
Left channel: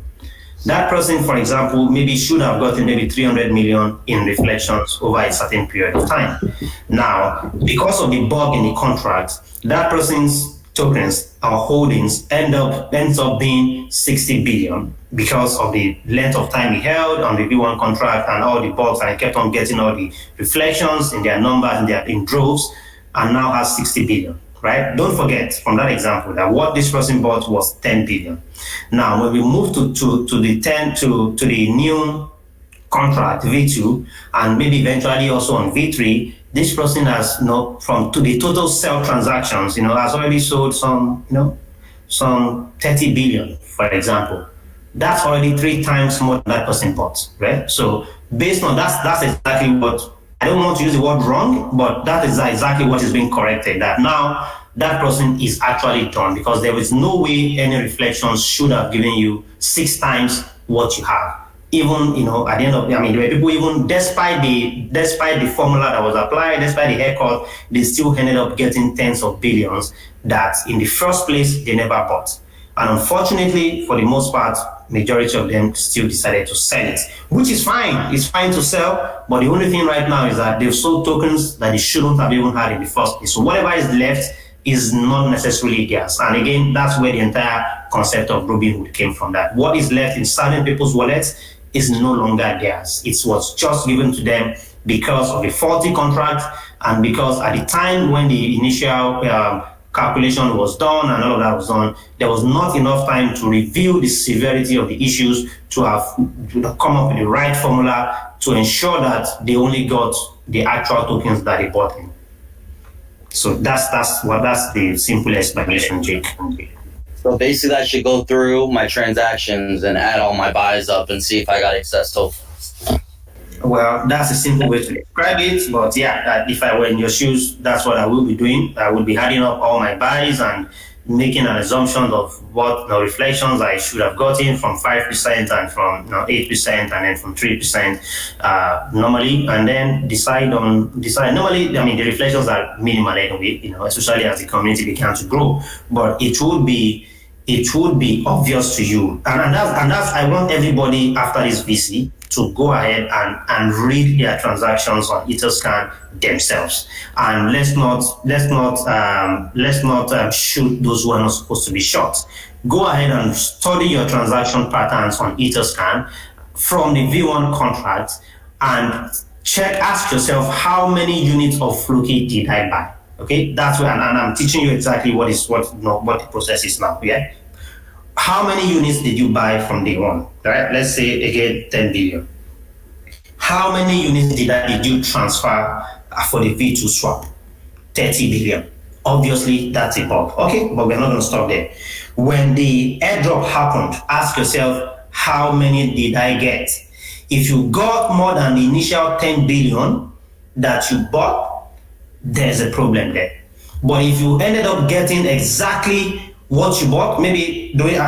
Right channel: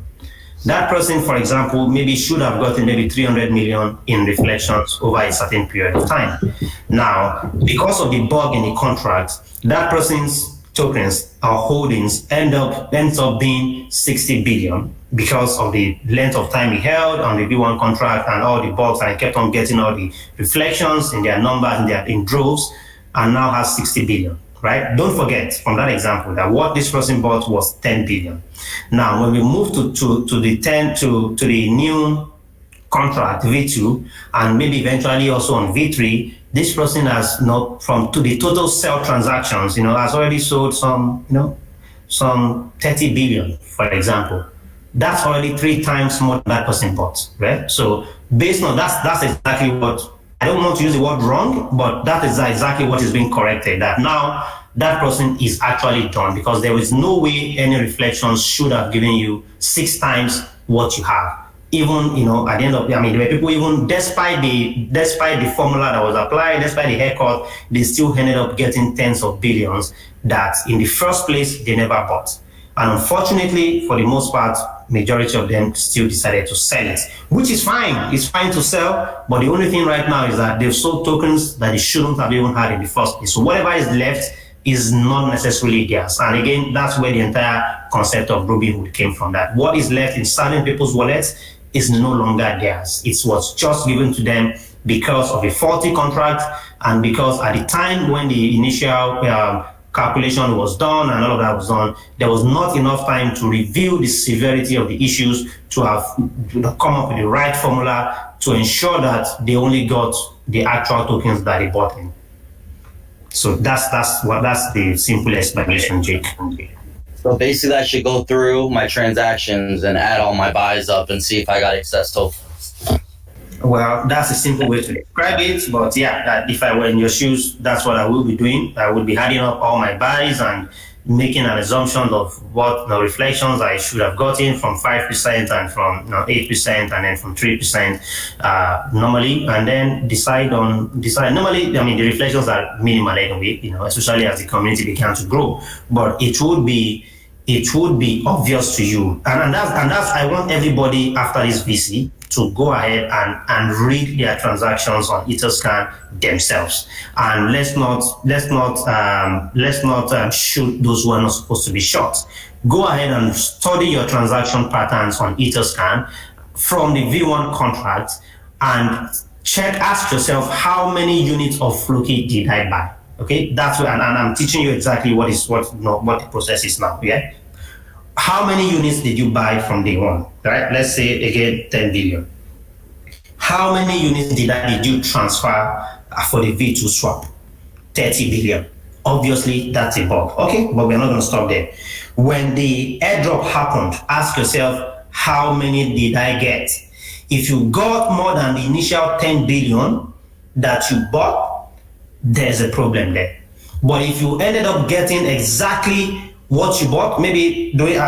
That person, for example, maybe should have gotten maybe 300 million in reflections over a certain period of time. Now, because of the bug in the contract, that person's tokens or holdings ends up being 60 billion because of the length of time he held on the V1 contract and all the bugs, and he kept on getting all the reflections in their numbers in droves, and now has 60 billion. Right? Don't forget from that example that what this person bought was 10 billion. Now, when we move to the new contract V2, and maybe eventually also on V3, this person has to the total sell transactions, has already sold some 30 billion, for example. That's already 3 times more than that person bought. Right? So based on that's exactly what. I don't want to use the word wrong, but that is exactly what is being corrected. That now that person is actually done, because there is no way any reflections should have given you 6 times what you have. Even at the end of there were people, even despite the formula that was applied, despite the haircut, they still ended up getting tens of billions that in the first place they never bought. And unfortunately, for the most part, majority of them still decided to sell it, which is fine. It's fine to sell, but the only thing right now is that they've sold tokens that they shouldn't have even had in the first place. So whatever is left is not necessarily theirs. And again, that's where the entire concept of Robin Hood came from. That what is left in certain people's wallets is no longer theirs. It was just given to them because of a faulty contract, and because at the time when the initial calculation was done and all of that was done, there was not enough time to review the severity of the issues to have come up with the right formula to ensure that they only got the actual tokens that they bought in. So that's the simple explanation, Jake. So basically, I should go through my transactions and add all my buys up and see if I got excess tokens. Well, that's a simple way to describe it, but yeah, if I were in your shoes, that's what I will be doing. I would be adding up all my buys and making an assumption of what reflections I should have gotten from 5% and from 8% and then from 3% normally, and then decide. Normally, the reflections are minimal anyway, especially as the community began to grow. But it would be obvious to you, and that's I want everybody after this VC to go ahead and read their transactions on Etherscan themselves. And let's not shoot those who are not supposed to be shot. Go ahead and study your transaction patterns on Etherscan from the V1 contract and ask yourself how many units of Floki did I buy. Okay, that's what, and I'm teaching you exactly what the process is now. Yeah, how many units did you buy from day one? Right, let's say again 10 billion. How many units did you transfer for the V2 swap? 30 billion. Obviously, that's a bug. Okay, but we're not going to stop there. When the airdrop happened, ask yourself, how many did I get? If you got more than the initial 10 billion that you bought, there's a problem there. But if you ended up getting exactly what you bought, maybe the way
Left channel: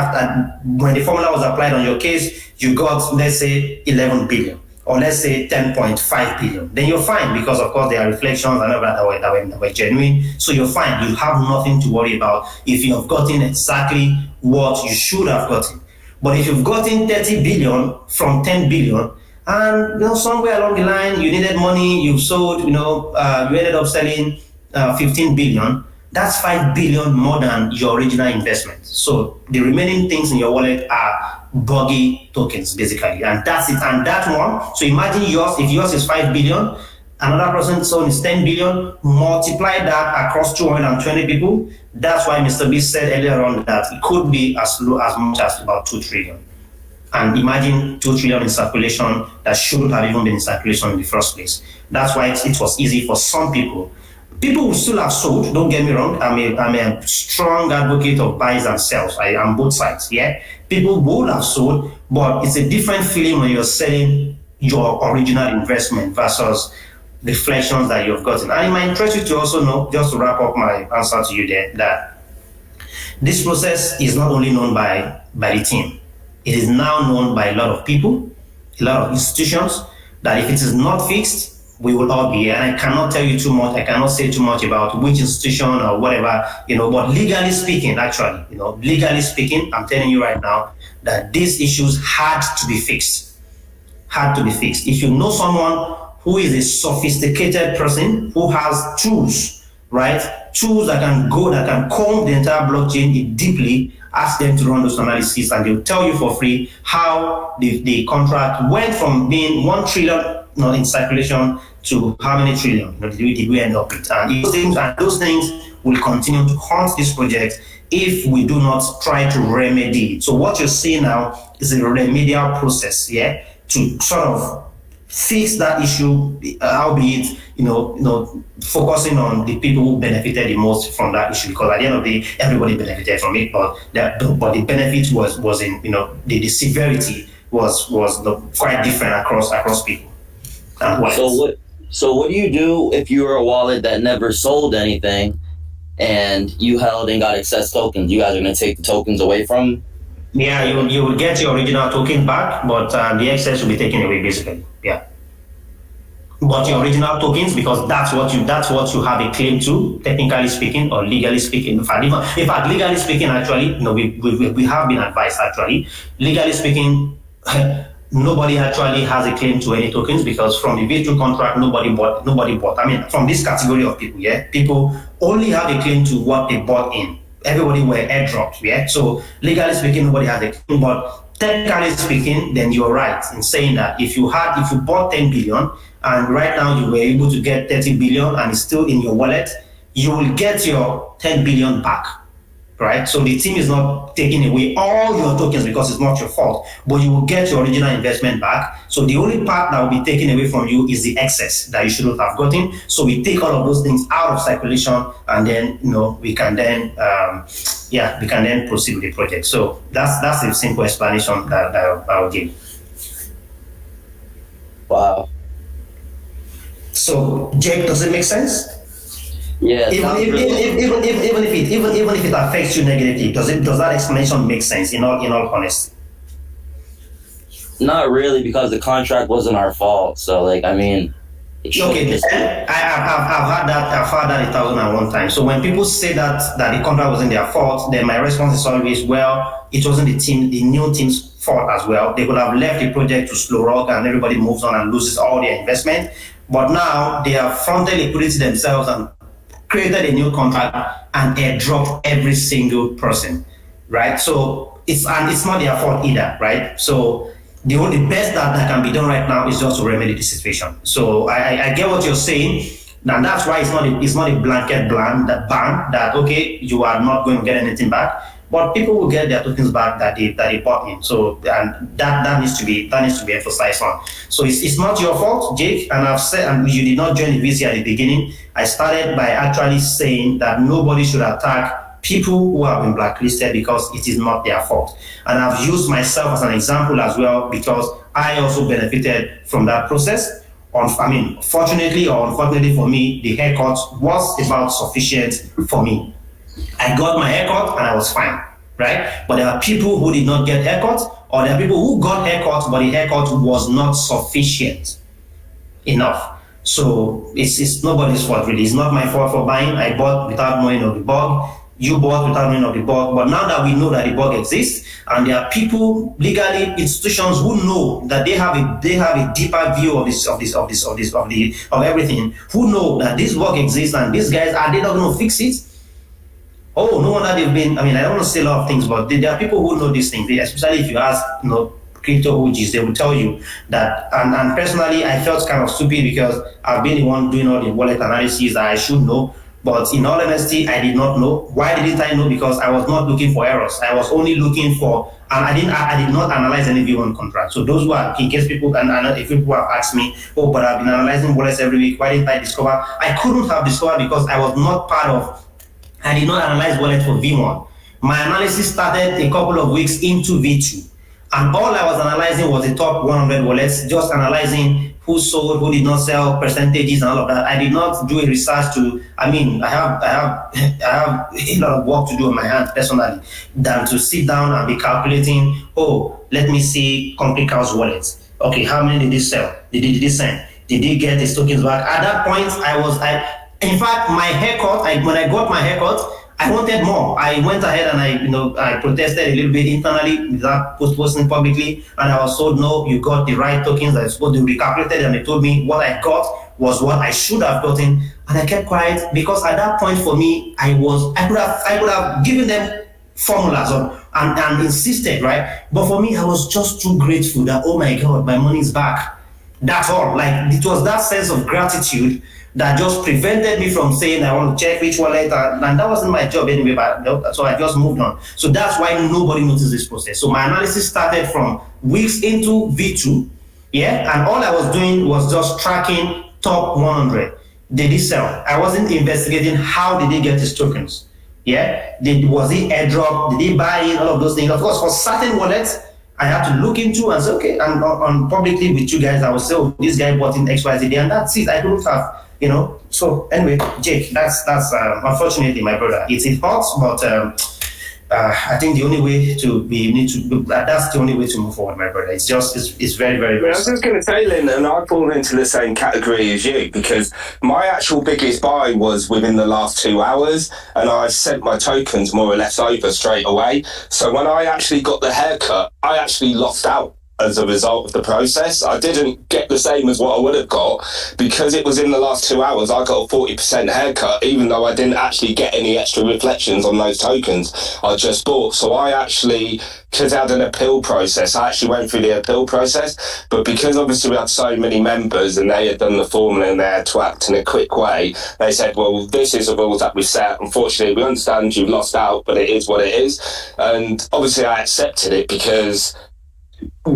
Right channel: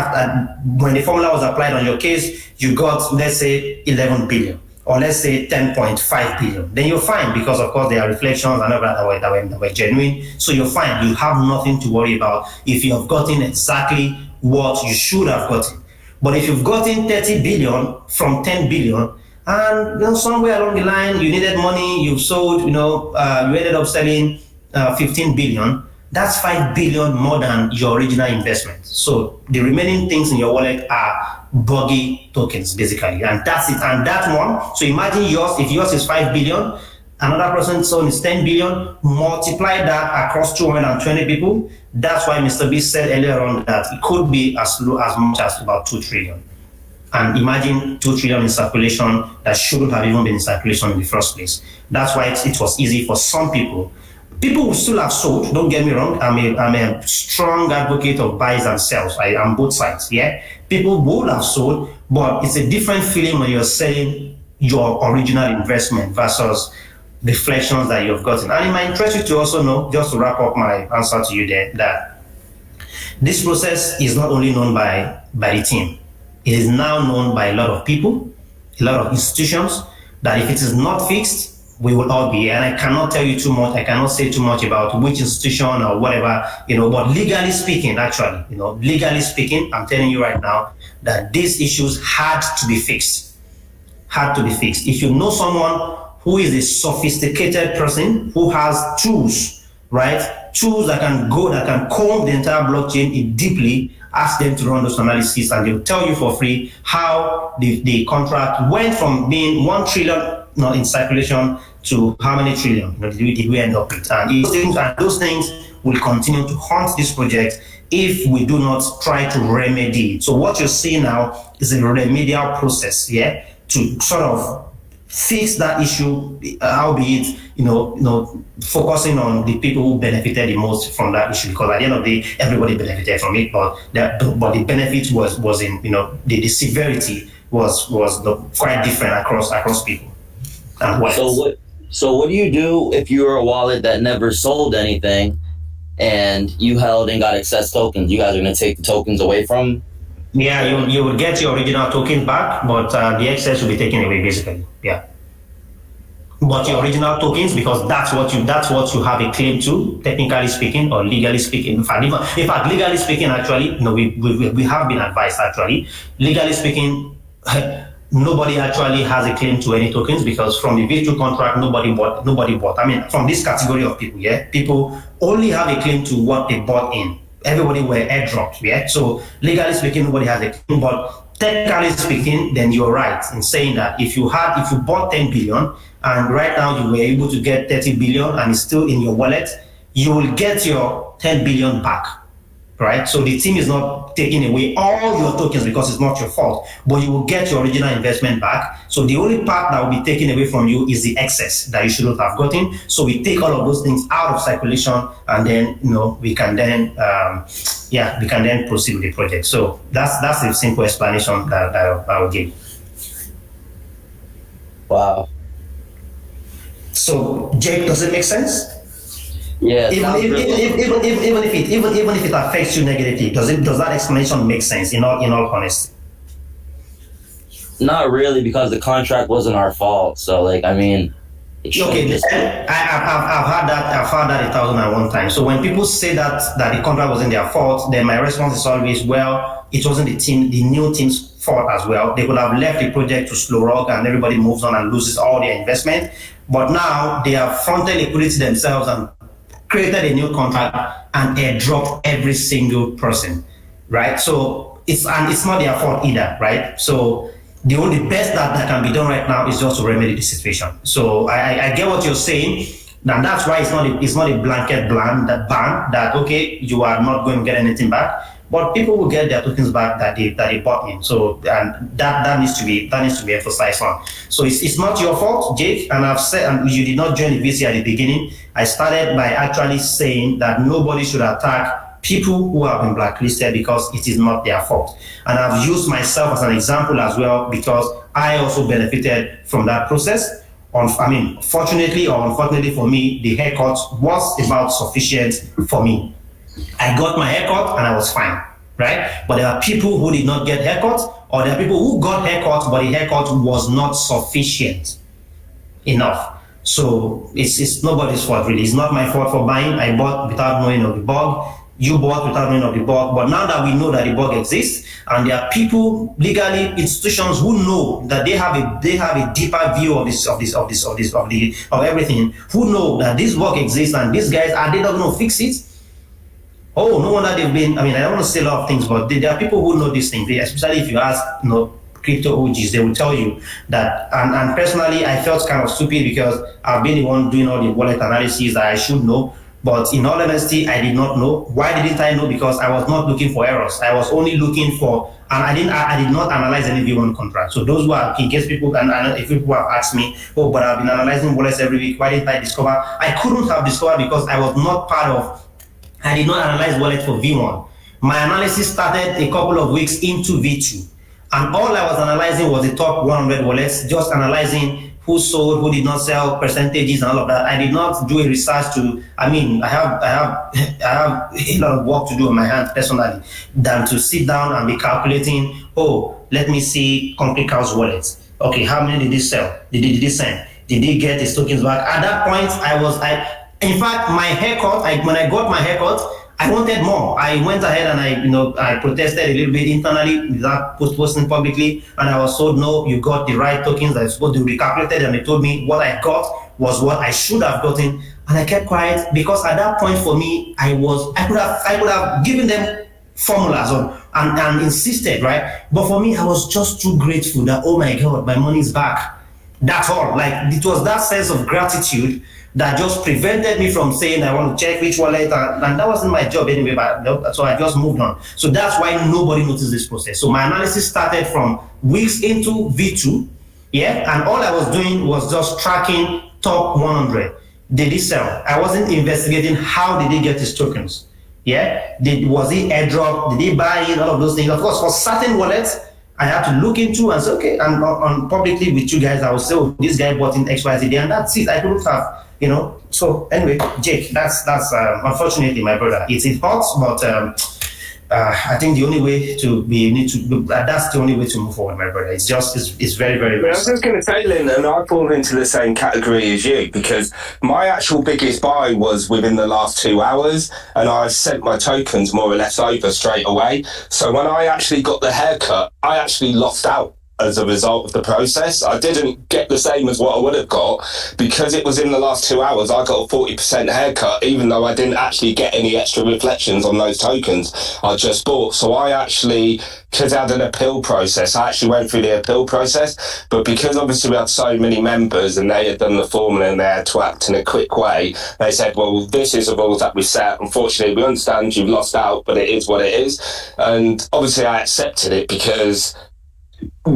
when the formula was applied on your case, you got, let's say, 11 billion. Or let's say 10.5 billion, then you're fine, because of course there are reflections and all that were genuine. So you're fine. You have nothing to worry about if you have gotten exactly what you should have gotten. But if you've gotten 30 billion from 10 billion, and somewhere along the line you needed money, you sold, you ended up selling 15 billion, that's 5 billion more than your original investment. So the remaining things in your wallet are buggy tokens, basically, and that's it. And that one, so imagine yours, if yours is 5 billion, another person's own is 10 billion, multiply that across 220 people. That's why Mr. B said earlier on that it could be as low as much as about 2 trillion. And imagine 2 trillion in circulation that shouldn't have even been in circulation in the first place. That's why it was easy for some people. People who still have sold, don't get me wrong, I'm a strong advocate of buys and sells. I'm both sides, yeah? People would have sold, but it's a different feeling when you're selling your original investment versus reflections that you've gotten. And it might interest you to also know, just to wrap up my answer to you there, that this process is not only known by the team. It is now known by a lot of people, a lot of institutions, that if it is not fixed, we will all be here. And I cannot tell you too much. I cannot say too much about which institution or whatever, but legally speaking, actually, legally speaking, I'm telling you right now that these issues had to be fixed. Had to be fixed. If you know someone who is a sophisticated person who has tools, right? Tools that can comb the entire blockchain deeply, ask them to run those analyses, and they'll tell you for free how the contract went from being 1 trillion in circulation to how many trillion did we end up with. And those things will continue to haunt this project if we do not try to remedy it. So what you're seeing now is a remedial process, yeah, to sort of fix that issue, albeit focusing on the people who benefited the most from that issue, because at the end of the day, everybody benefited from it, but the benefit was in the severity was quite different across people. So what do you do if you were a wallet that never sold anything and you held and got excess tokens? You guys are going to take the tokens away from? Yeah, you will get your original token back, but the excess will be taken away, basically. Yeah. But your original tokens, because that's what you have a claim to, technically speaking or legally speaking. In fact, legally speaking, actually, we have been advised, actually, legally speaking, nobody actually has a claim to any tokens, because from the V2 contract, nobody bought. I mean, from this category of people, yeah, people only have a claim to what they bought in. Everybody were airdropped, yeah. So legally speaking, nobody has a claim, but technically speaking, then you're right in saying that if you bought 10 billion and right now you were able to get 30 billion and it's still in your wallet, you will get your 10 billion back. Right? So the team is not taking away all your tokens because it's not your fault, but you will get your original investment back. So the only part that will be taken away from you is the excess that you shouldn't have gotten. So we take all of those things out of circulation, and then we can then proceed with the project. So that's the simple explanation that I'll give. Wow. So Jake, does it make sense? Yeah. Even if it affects you negatively, does that explanation make sense? In all honesty. Not really, because the contract wasn't our fault. So I've had that 1,001 times. So when people say that the contract wasn't their fault, then my response is always, well, it wasn't the new team's fault as well. They could have left the project to slow rock and everybody moves on and loses all their investment. But now they have fronted liquidity themselves and created a new contract and airdropped every single person, right? So it's not their fault either, right? So the only best that can be done right now is just to remedy the situation. So I get what you're saying, and that's why it's not a blanket ban that okay, you are not going to get anything back, but people will get their tokens back that they bought in. So and that needs to be emphasized on. So it's not your fault, Jake. And I've said, and you did not join the VC at the beginning. I started by actually saying that nobody should attack people who have been blacklisted because it is not their fault. And I've used myself as an example as well because I also benefited from that process. Fortunately or unfortunately for me, the haircut was about sufficient for me. I got my haircut and I was fine, right? But there are people who did not get haircuts, or there are people who got haircuts, but the haircut was not sufficient enough. So it's nobody's fault really. It's not my fault for buying. I bought without knowing of the bug. You bought without knowing of the bug. But now that we know that the bug exists, and there are people, legally institutions who know that they have a deeper view of everything, who know that this bug exists and these guys are they not going to fix it? Oh, no wonder they've been. I don't want to say a lot of things, but there are people who know these things. Especially if you ask, crypto OGs, they will tell you that. And personally, I felt kind of stupid because I've been the one doing all the wallet analysis that I should know. But in all honesty, I did not know. Why didn't I know? Because I was not looking for errors. I was only looking for, and I did not analyze any V1 contract. So those who are, in case people, if people have asked me, oh, but I've been analyzing wallets every week, why didn't I discover? I couldn't have discovered because I was not I did not analyze wallets for V1. My analysis started a couple of weeks into V2. And all I was analyzing was the top 100 wallets, just analyzing who sold, who did not sell, percentages and all of that. I did not do a research I have a lot of work to do on my hands personally than to sit down and be calculating, let me see Concrete House wallets. Okay, how many did he sell? Did he send? Did he get his tokens back? At that point, in fact, my haircut, when I got my haircut, I wanted more. I went ahead and I protested a little bit internally without posting publicly, and I was told, no, you got the right tokens. I was supposed to recalculated, and they told me what I got was what I should have gotten, and I kept quiet because at that point for me, I could have given them formulas and insisted, right? But for me, I was just too grateful that, oh my God, my money's back. That's all. Like, it was that sense of gratitude that just prevented me from saying I want to check which wallet, and that wasn't my job anyway, so I just moved on. So that's why nobody noticed this process. So my analysis started from weeks into V2, and all I was doing was just tracking top 100. Did he sell? I wasn't investigating how did he get his tokens. Was he airdrop? Did he buy in? All of those things. Of course, for certain wallets, I had to look into and say, okay, and on publicly with you guys, I would say, oh, this guy bought in XYZ, and that's it. I don't have, So anyway, Jake, that's unfortunately, my brother. It hurts, but I think the only way that's the only way to move forward, my brother. It's very, very, very. I was just going to say, Lynn, and I fall into the same category as you because my actual biggest buy was within the last 2 hours, and I sent my tokens more or less over straight away. So when I actually got the haircut, I actually lost out. As a result of the process, I didn't get the same as what I would have got because it was in the last 2 hours. I got a 40% haircut, even though I didn't actually get any extra reflections on those tokens I just bought. So I actually, because I had an appeal process, I actually went through the appeal process. But because obviously we had so many members and they had done the formula and they had to act in a quick way, they said, well, this is the rules that we set. Unfortunately, we understand you've lost out, but it is what it is. And obviously I accepted it because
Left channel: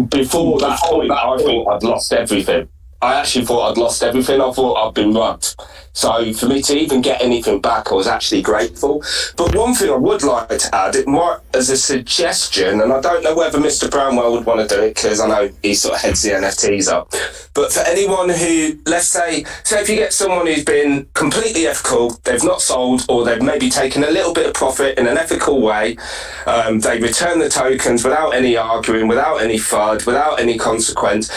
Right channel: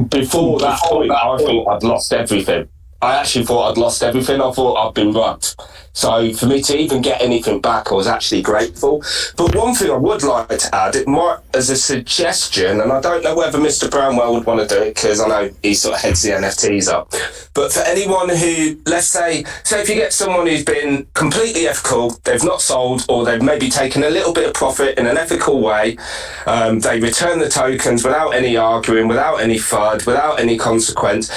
before that point, I thought I'd lost everything. I actually thought I'd lost everything. I thought I'd been robbed. So for me to even get anything back, I was actually grateful. But one thing I would like to add, it might as a suggestion, and I don't know whether Mr. Brownwell would want to do it because I know he sort of heads the NFTs up. But for anyone who, let's say if you get someone who's been completely ethical, they've not sold, or they've maybe taken a little bit of profit in an ethical way, they return the tokens without any arguing, without any FUD, without any consequence.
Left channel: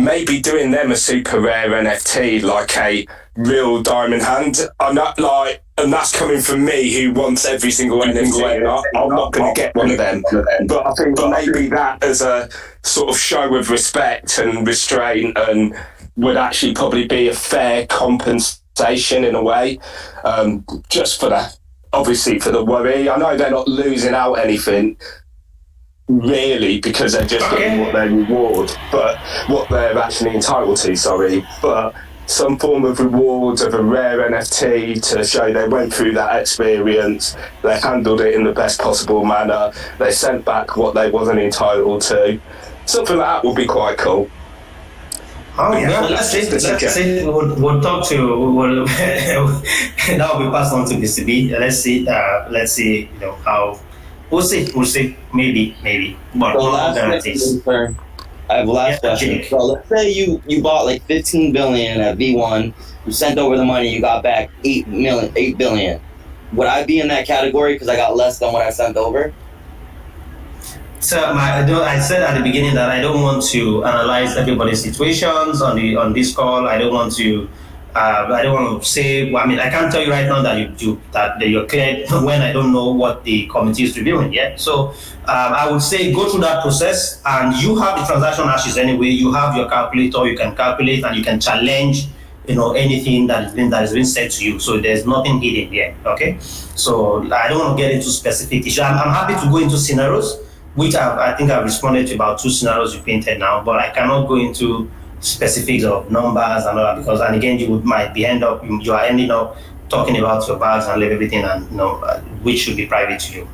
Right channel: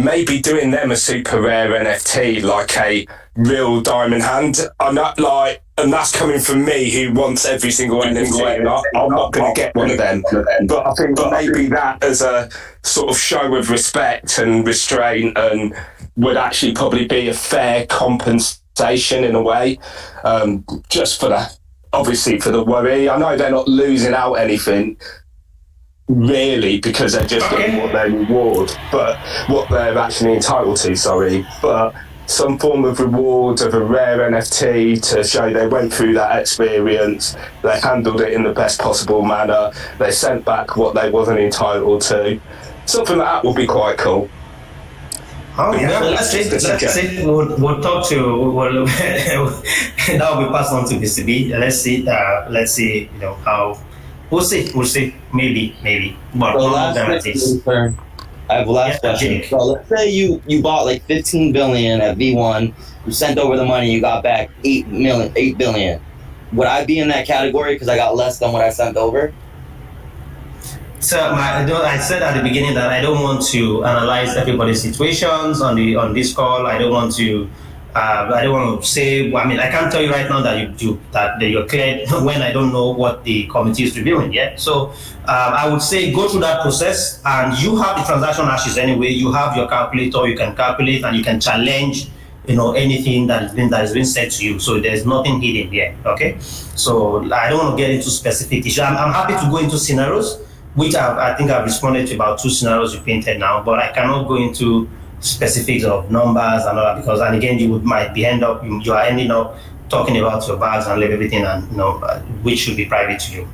maybe doing them a super rare NFT, like a real diamond hand. I'm not like, and that's coming from me who wants every single NFT, and I'm not going to get one of them. But I think maybe that as a sort of show of respect and restraint and would actually probably be a fair compensation in a way, just for that, obviously for the worry. I know they're not losing out anything, really, because they're just getting what they reward, but what they're actually entitled to, but some form of reward of a rare NFT to show they went through that experience, they handled it in the best possible manner, they sent back what they wasn't entitled to. Something like that would be quite cool. Oh yeah, let's see. We'll talk to. We'll that will be passed on to DCB. Let's see. You know how. We'll see. Maybe. But So I have a last question. So let's say you bought like 15 billion at V1, you sent over the money, you got back 8 billion. Would I be in that category because I got less than what I sent over? So I said at the beginning that I don't want to analyze everybody's situations on this call. I don't want to say. I mean, I can't tell you right now that you're cleared when I don't know what the committee is reviewing yet. So I would say go through that process, and you have the transaction ashes anyway. You have your calculator. You can calculate and you can challenge, anything that is being said to you. So there's nothing hidden here. Okay. So I don't want to get into specific issues. I'm happy to go into scenarios, which I think I've responded to about 2 scenarios you painted now, but I cannot go into specifics of numbers and all that, because, and again, you are ending up talking about your bars and everything, and which should be private to you.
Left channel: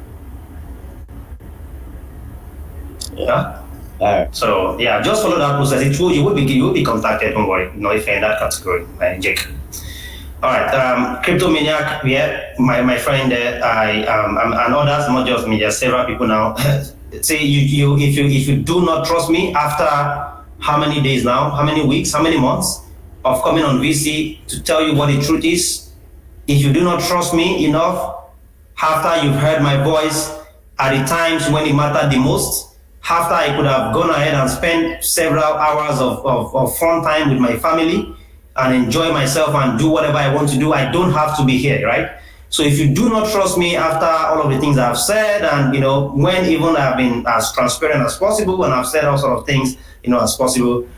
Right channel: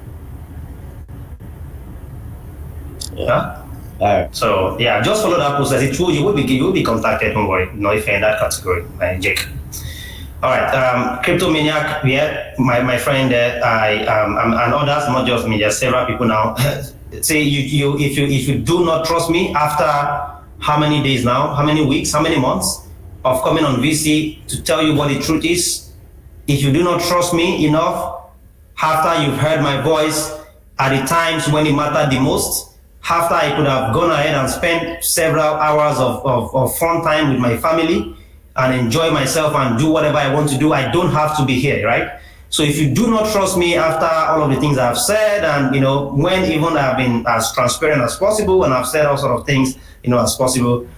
Yeah. All right. So yeah, just follow that process. You will be contacted. Don't worry. If you're in that category, Jake. All right, Crypto Maniac, my friend there, and others, not just me, there's several people now. Say if you do not trust me after how many days now, how many weeks, how many months of coming on VC to tell you what the truth is, if you do not trust me enough after you've heard my voice at the times when it mattered the most, after I could have gone ahead and spent several hours of fun time with my family and enjoy myself and do whatever I want to do, I don't have to be here, right? So if you do not trust me after all of the things I've said, and when even I've been as transparent as possible and I've said all sort of things, as possible,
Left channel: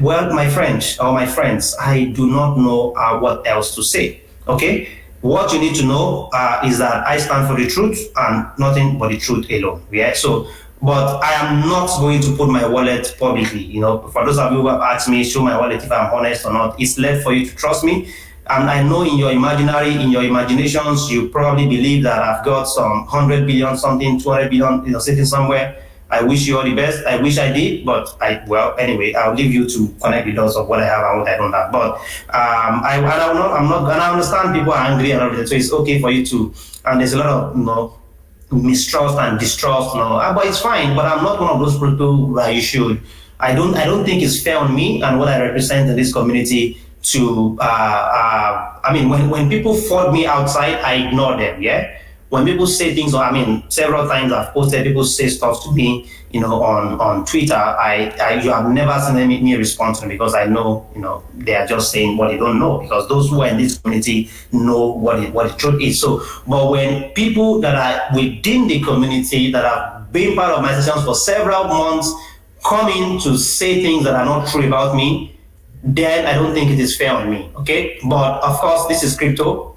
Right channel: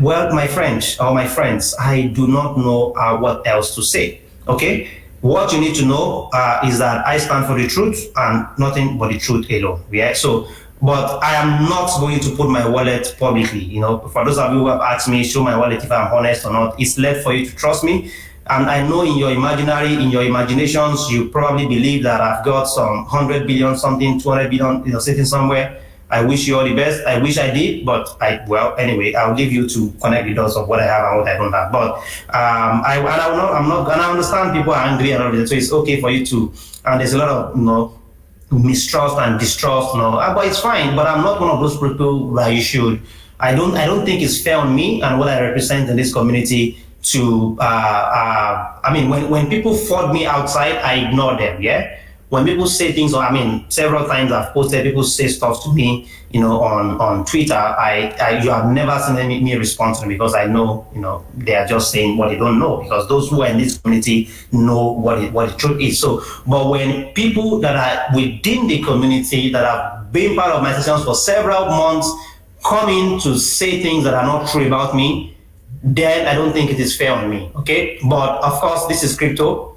well, my friends, I do not know what else to say. Okay, what you need to know is that I stand for the truth and nothing but the truth alone. Yeah. So, but I am not going to put my wallet publicly. For those of you who have asked me, show my wallet if I'm honest or not. It's left for you to trust me. And I know in your imaginations, you probably believe that I've got some 100 billion something, 200 billion sitting somewhere. I wish you all the best. I wish I did, but anyway, I'll leave you to connect the dots of what I have and what I don't have. But I understand people are angry and everything, so it's okay for you to. And there's a lot of mistrust and distrust, but it's fine. But I'm not one of those people that you should. I don't think it's fair on me and what I represent in this community to. When people fraud me outside, I ignore them. Yeah. When people say things, several times I've posted, people say stuff to me, on Twitter. You have never seen me respond to them, because I know, they are just saying what they don't know, because those who are in this community know what the truth is. So, but when people that are within the community that have been part of my sessions for several months come in to say things that are not true about me, then I don't think it is fair on me. Okay, but of course, this is crypto.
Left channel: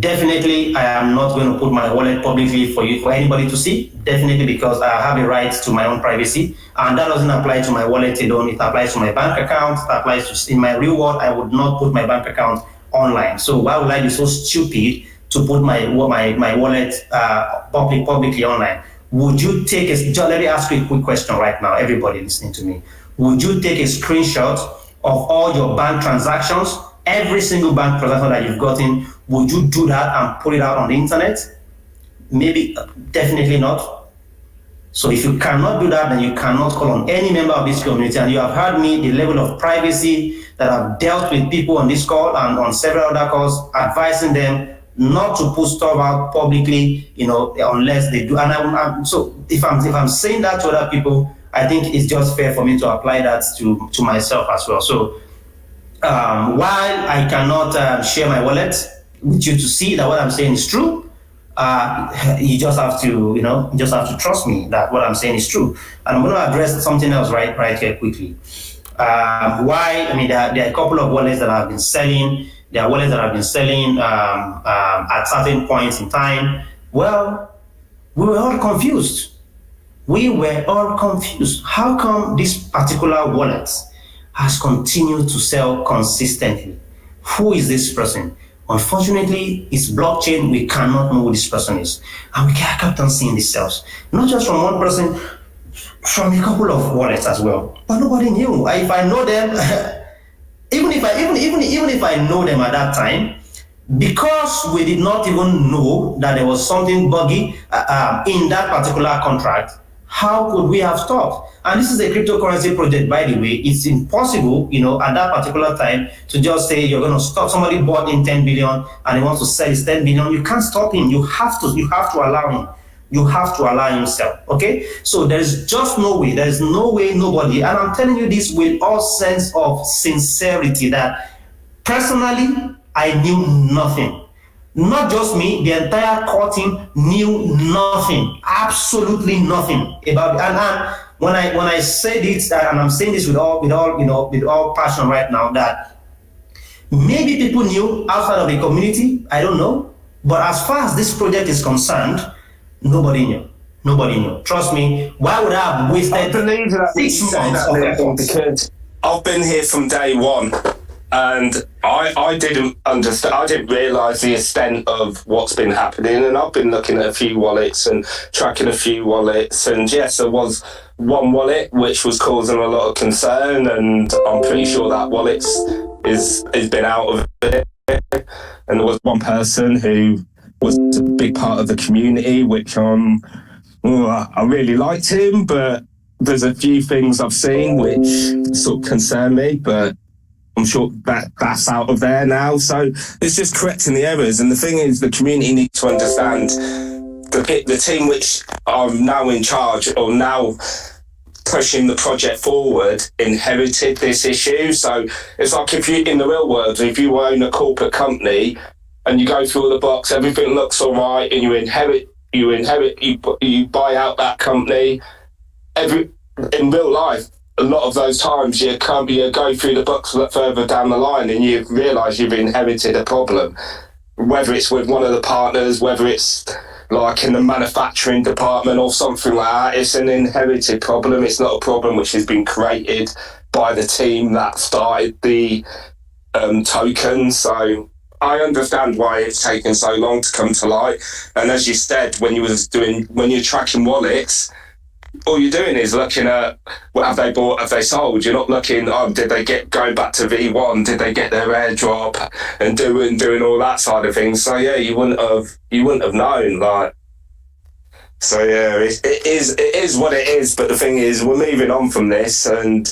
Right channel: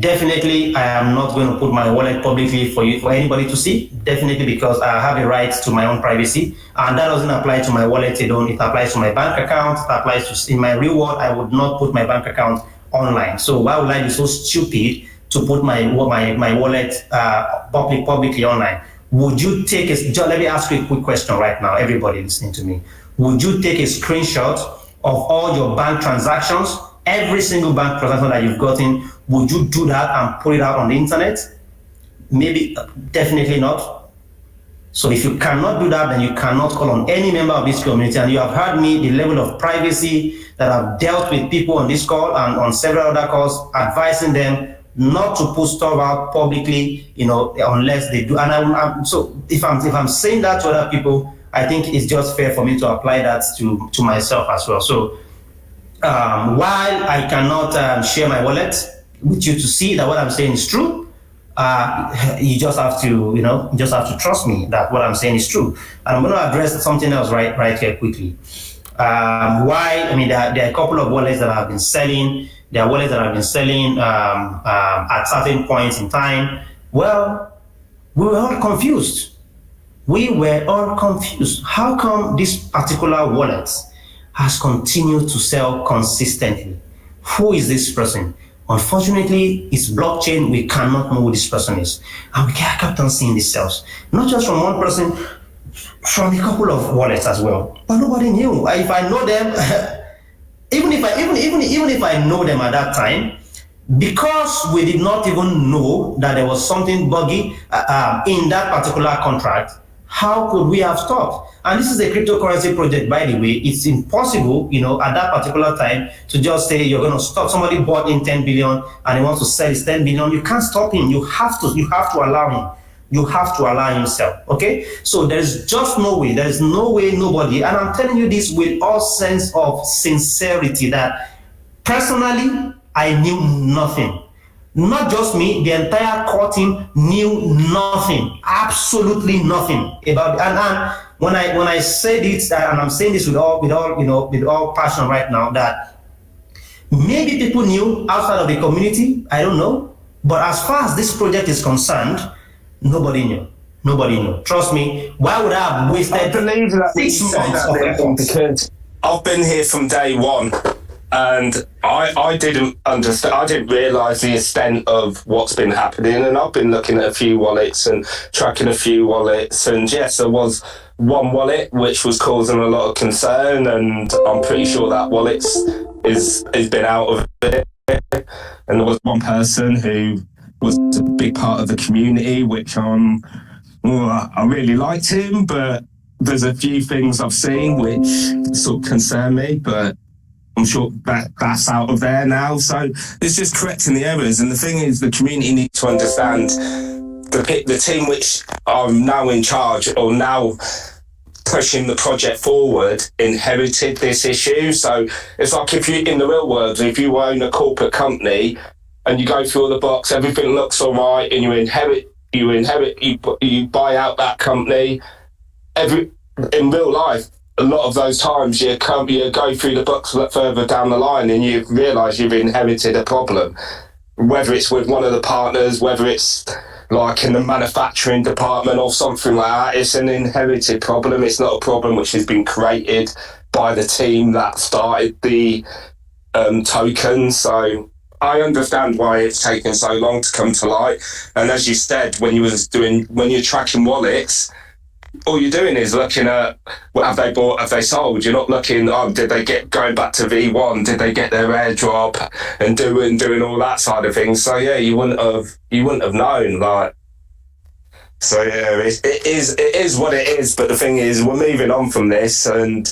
Definitely, I am not going to put my wallet publicly for anybody to see. Definitely, because I have a right to my own privacy, and that doesn't apply to my wallet alone. It applies to my bank account. It applies to in my real world. I would not put my bank account online. So why would I be so stupid to put my wallet publicly online? Would you take let me ask you a quick question right now, everybody listening to me. Would you take a screenshot of all your bank transactions? Every single bank transaction that you've gotten, would you do that and put it out on the internet? Maybe, definitely not. So if you cannot do that, then you cannot call on any member of this community. And you have heard me, the level of privacy that I've dealt with people on this call and on several other calls, advising them not to put stuff out publicly, unless they do. And so if I'm saying that to other people, I think it's just fair for me to apply that to myself as well. So while I cannot share my wallet with you to see that what I'm saying is true, you just have to, you just have to trust me that what I'm saying is true. And I'm going to address something else right here quickly. Why? I mean, there are a couple of wallets that have been selling. There are wallets that have been selling at certain points in time. Well, we were all confused. We were all confused. How come this particular wallet has continued to sell consistently? Who is this person? Unfortunately, it's blockchain. We cannot know who this person is. And we kept on seeing these sales. Not just from one person, from a couple of wallets as well. But nobody knew. If I know them, even if I know them at that time, because we did not even know that there was something buggy in that particular contract, how could we have stopped? And this is a cryptocurrency project, by the way. It's impossible, at that particular time to just say you're going to stop. Somebody bought in 10 billion and he wants to sell his 10 billion. You can't stop him. You have to allow him. You have to allow yourself. Okay? So there's just no way. There's no way, nobody. And I'm telling you this with all sense of sincerity that personally, I knew nothing. Not just me, the entire core team knew nothing, absolutely nothing about it. And when I say this, and I'm saying this with all passion right now, that maybe people knew outside of the community, I don't know. But as far as this project is concerned, nobody knew. Nobody knew. Trust me. Why would I have wasted 6 months of effort? Because I've been here from day one. And I didn't understand, I didn't realise the extent of what's been happening, and I've been looking at a few wallets and tracking a few wallets, and yes, there was one wallet which was causing a lot of concern, and I'm pretty sure that wallet has been out of it. And there was one person who was a big part of the community, which I really liked him, but there's a few things I've seen which sort of concern me, but I'm sure that's out of there now. So it's just correcting the errors. And the thing is, the community needs to understand the team which are now in charge or now pushing the project forward inherited this issue. So it's like if you, in the real world, if you own a corporate company and you go through all the box, everything looks all right, and you buy out that company. In real life, a lot of those times you go through the books further down the line and you realise you've inherited a problem, whether it's with one of the partners, whether it's like in the manufacturing department or something like that. It's an inherited problem. It's not a problem which has been created by the team that started the token. So I understand why it's taken so long to come to light. And as you said, when you're tracking wallets, all you're doing is looking at what have they bought, have they sold. You're not looking, did they get going back to V1? Did they get their airdrop and doing all that side of things? So yeah, you wouldn't have known. Like, so yeah, it is what it is. But the thing is, we're moving on from this, and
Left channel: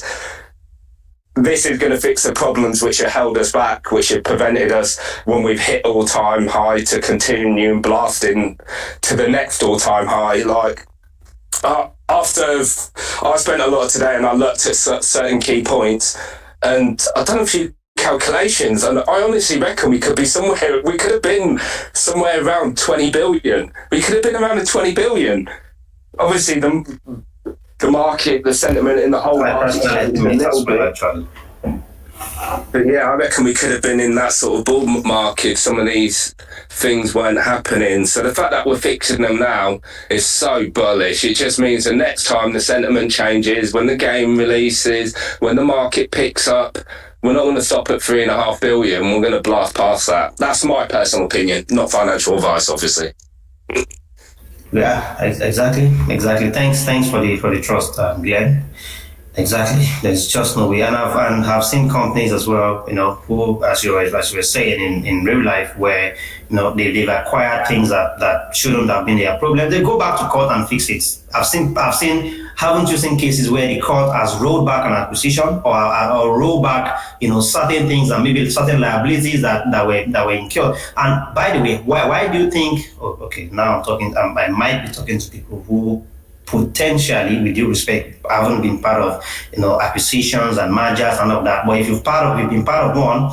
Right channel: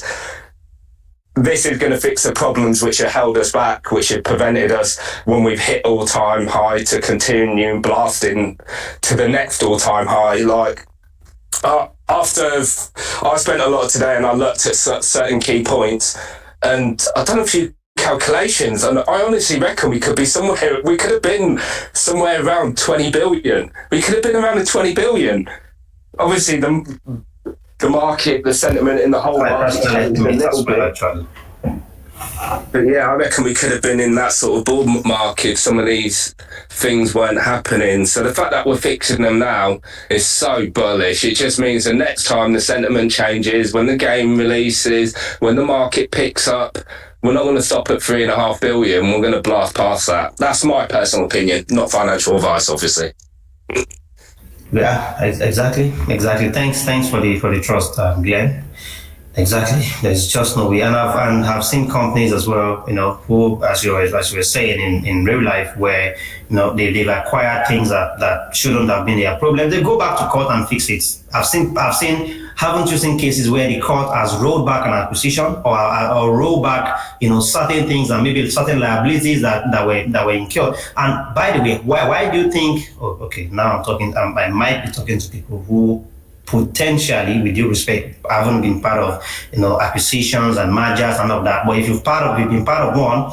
this is going to fix the problems which have held us back, which have prevented us when we've hit all-time high to continue blasting to the next all-time high. Like, after I spent a lot today and I looked at certain key points, and I've done a few calculations, and I honestly reckon we could have been somewhere around 20 billion. We could have been around the 20 billion. Obviously, the market, the sentiment in the whole market changed a little bit. But yeah, I reckon we could have been in that sort of bull market if some of these things weren't happening. So the fact that we're fixing them now is so bullish. It just means the next time the sentiment changes, when the game releases, when the market picks up, we're not going to stop at 3.5 billion. We're going to blast past that. That's my personal opinion, not financial advice, obviously. Yeah, exactly. Thanks for the trust, yeah. Exactly. There's just no way. And I've seen companies as well, who, as you were saying in real life, where, they've acquired things that shouldn't have been their problem. They go back to court and fix it. Haven't you seen cases where the court has rolled back an acquisition or rolled back, certain things and maybe certain liabilities that were incurred? And by the way, why do you think, now I'm talking, I might be talking to people who potentially, with due respect, I haven't been part of, acquisitions and mergers and all of that. But if you've been part of one,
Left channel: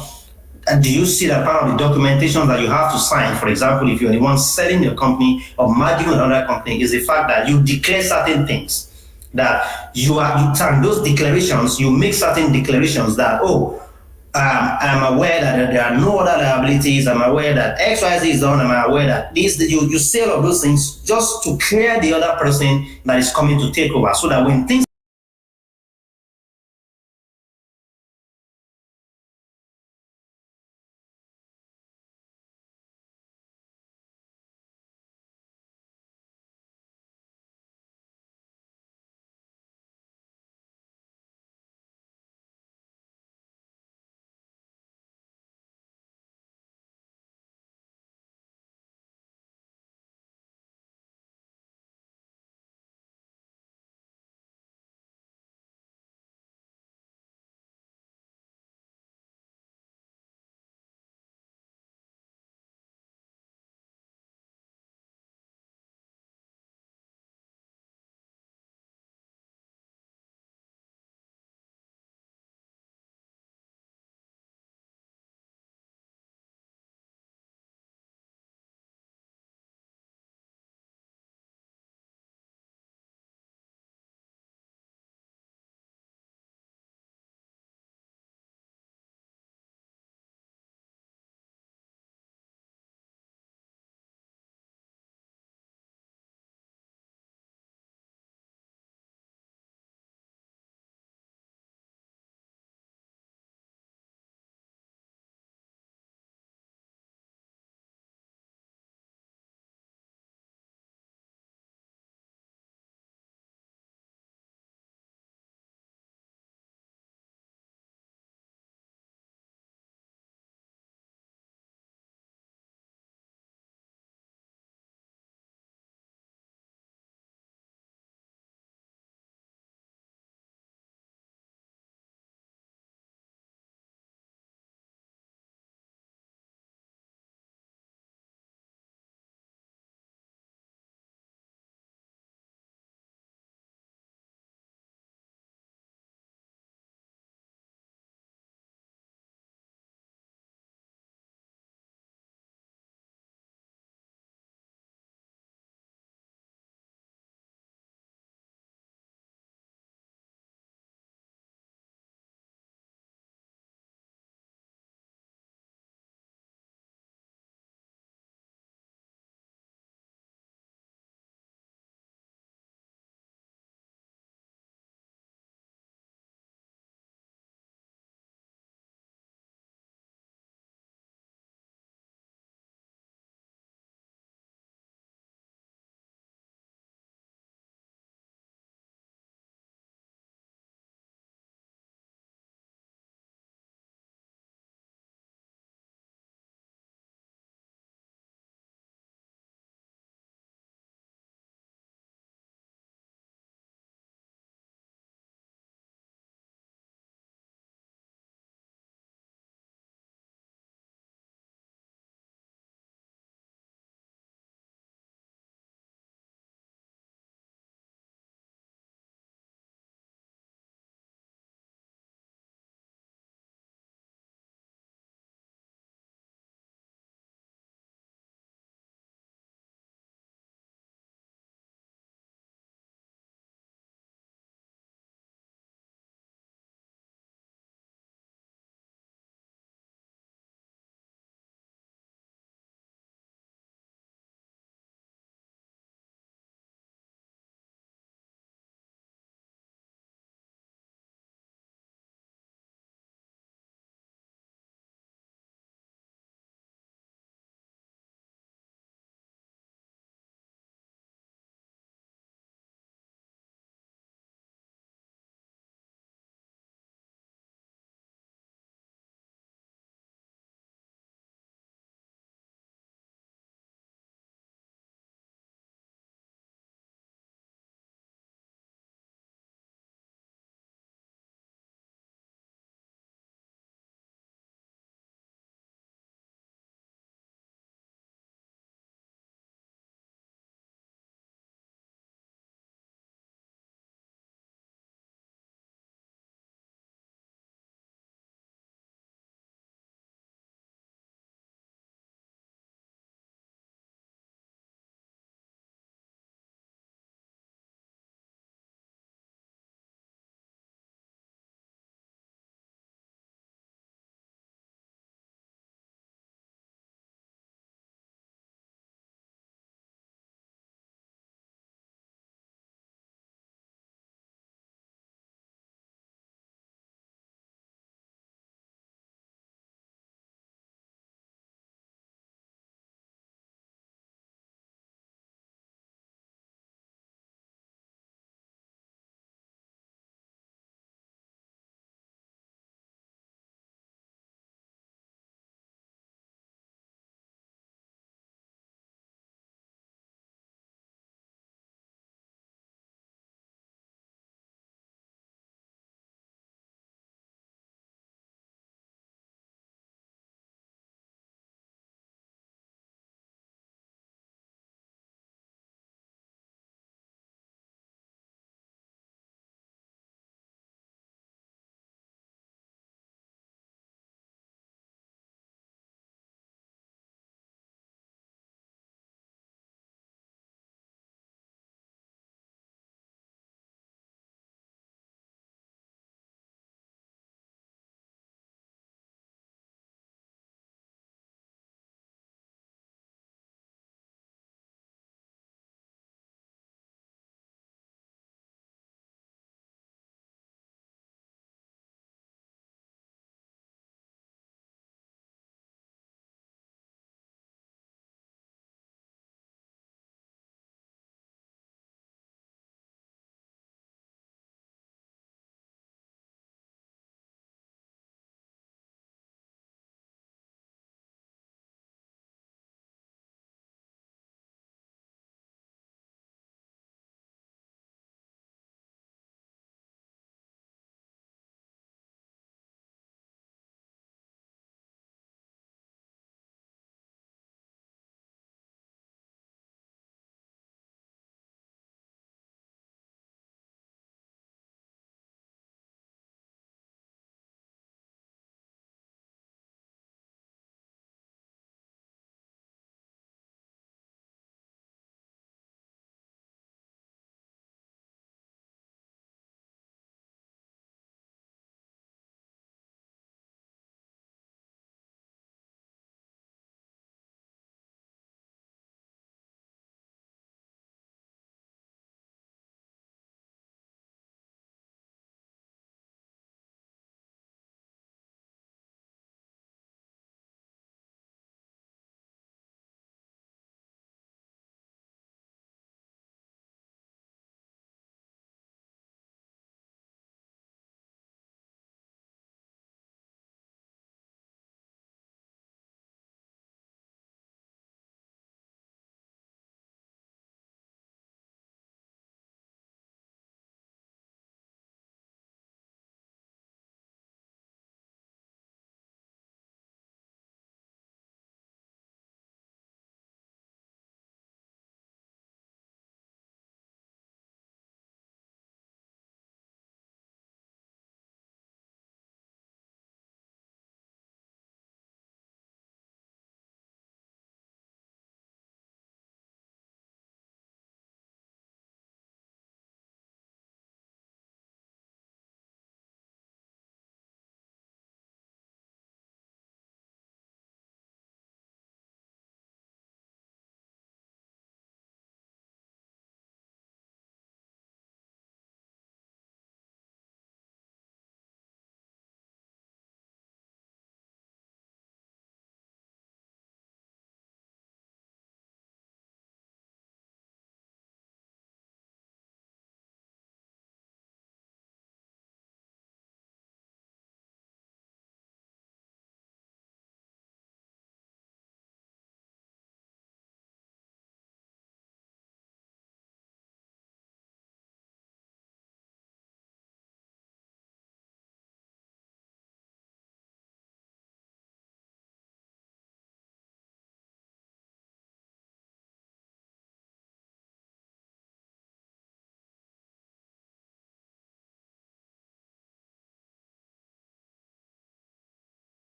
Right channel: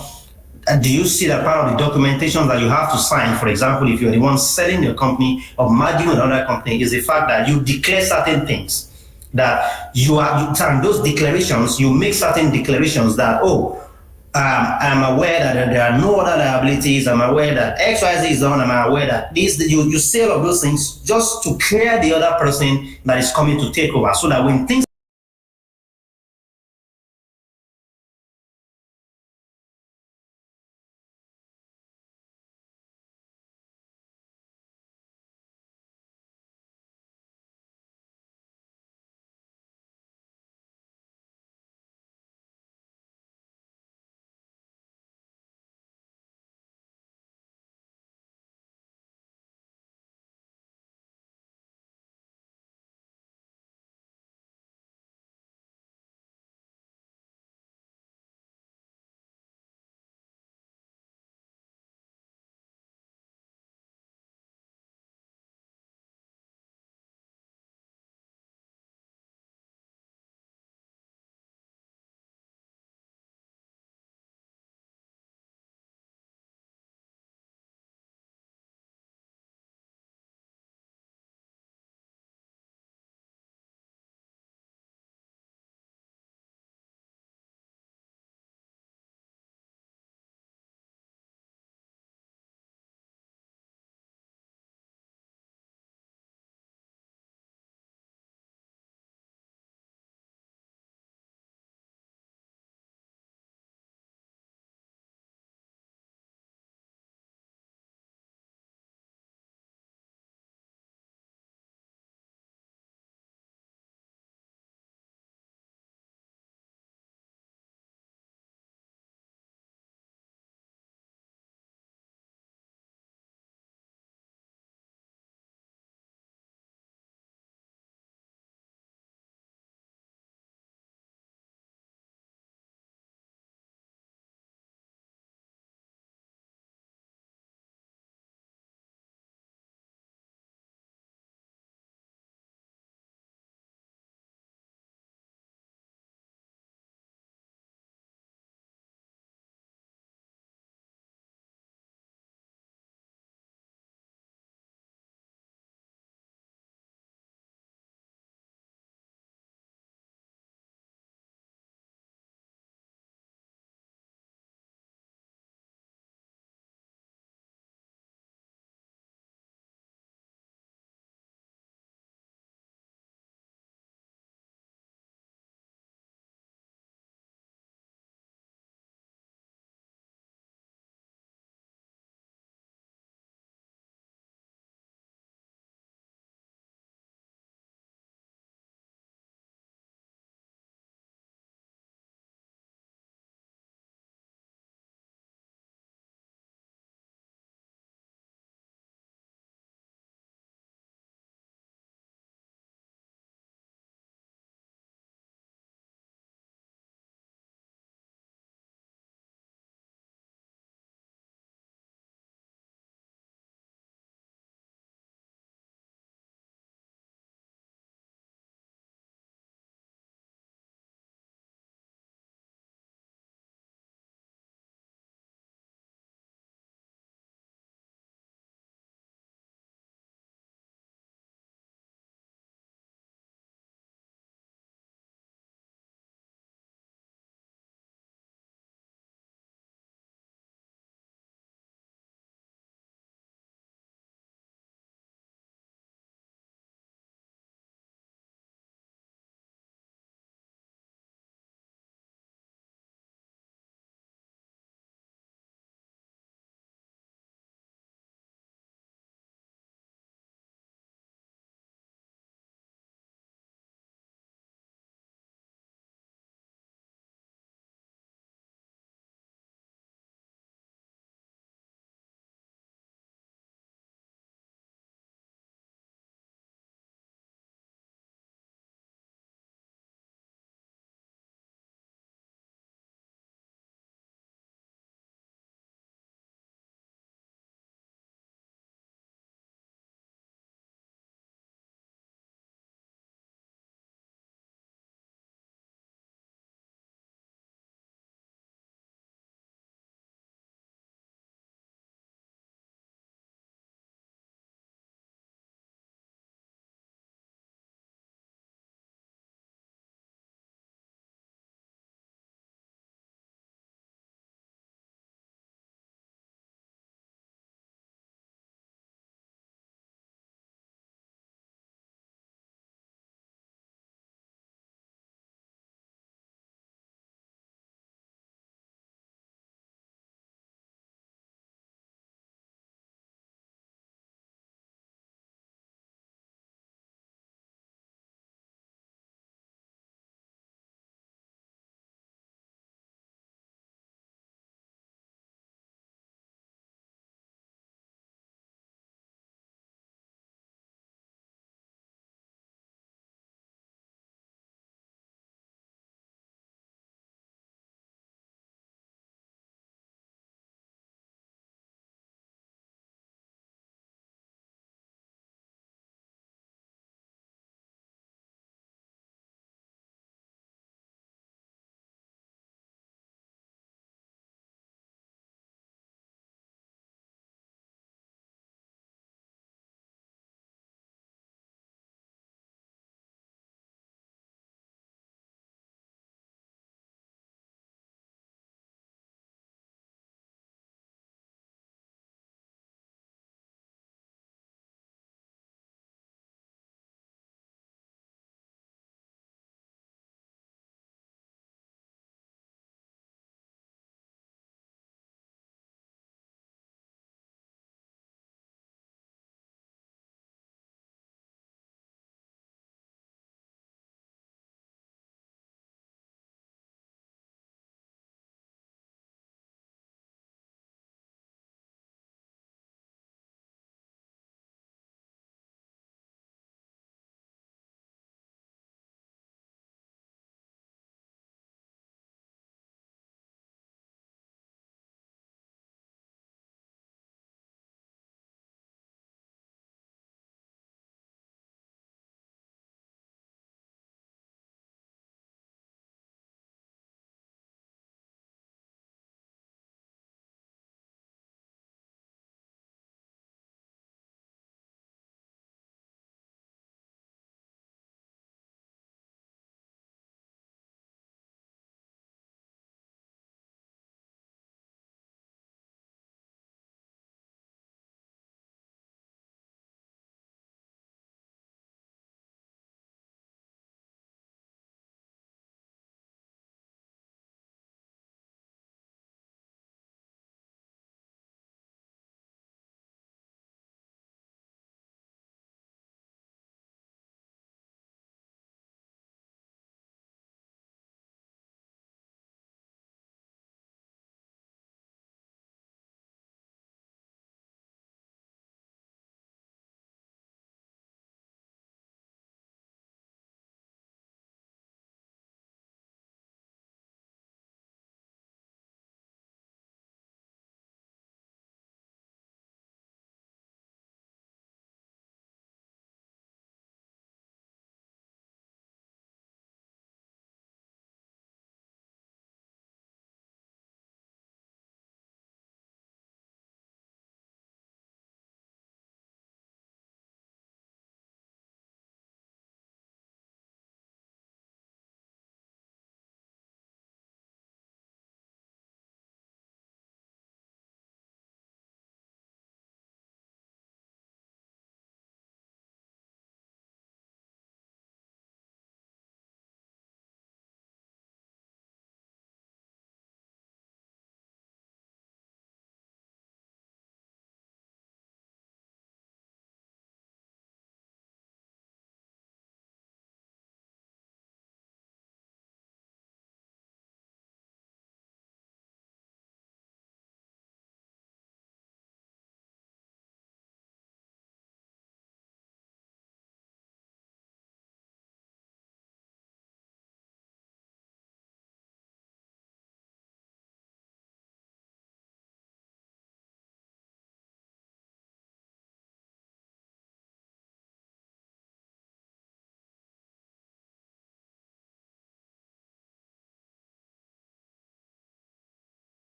do you see that part of the documentation that you have to sign, for example, if you're the one selling your company or merging with another company, is the fact that you declare certain things, that you sign those declarations, you make certain declarations that, I'm aware that there are no other liabilities, I'm aware that XYZ is done, I'm aware that this, you say all of those things just to clear the other person that is coming to take over, so that when things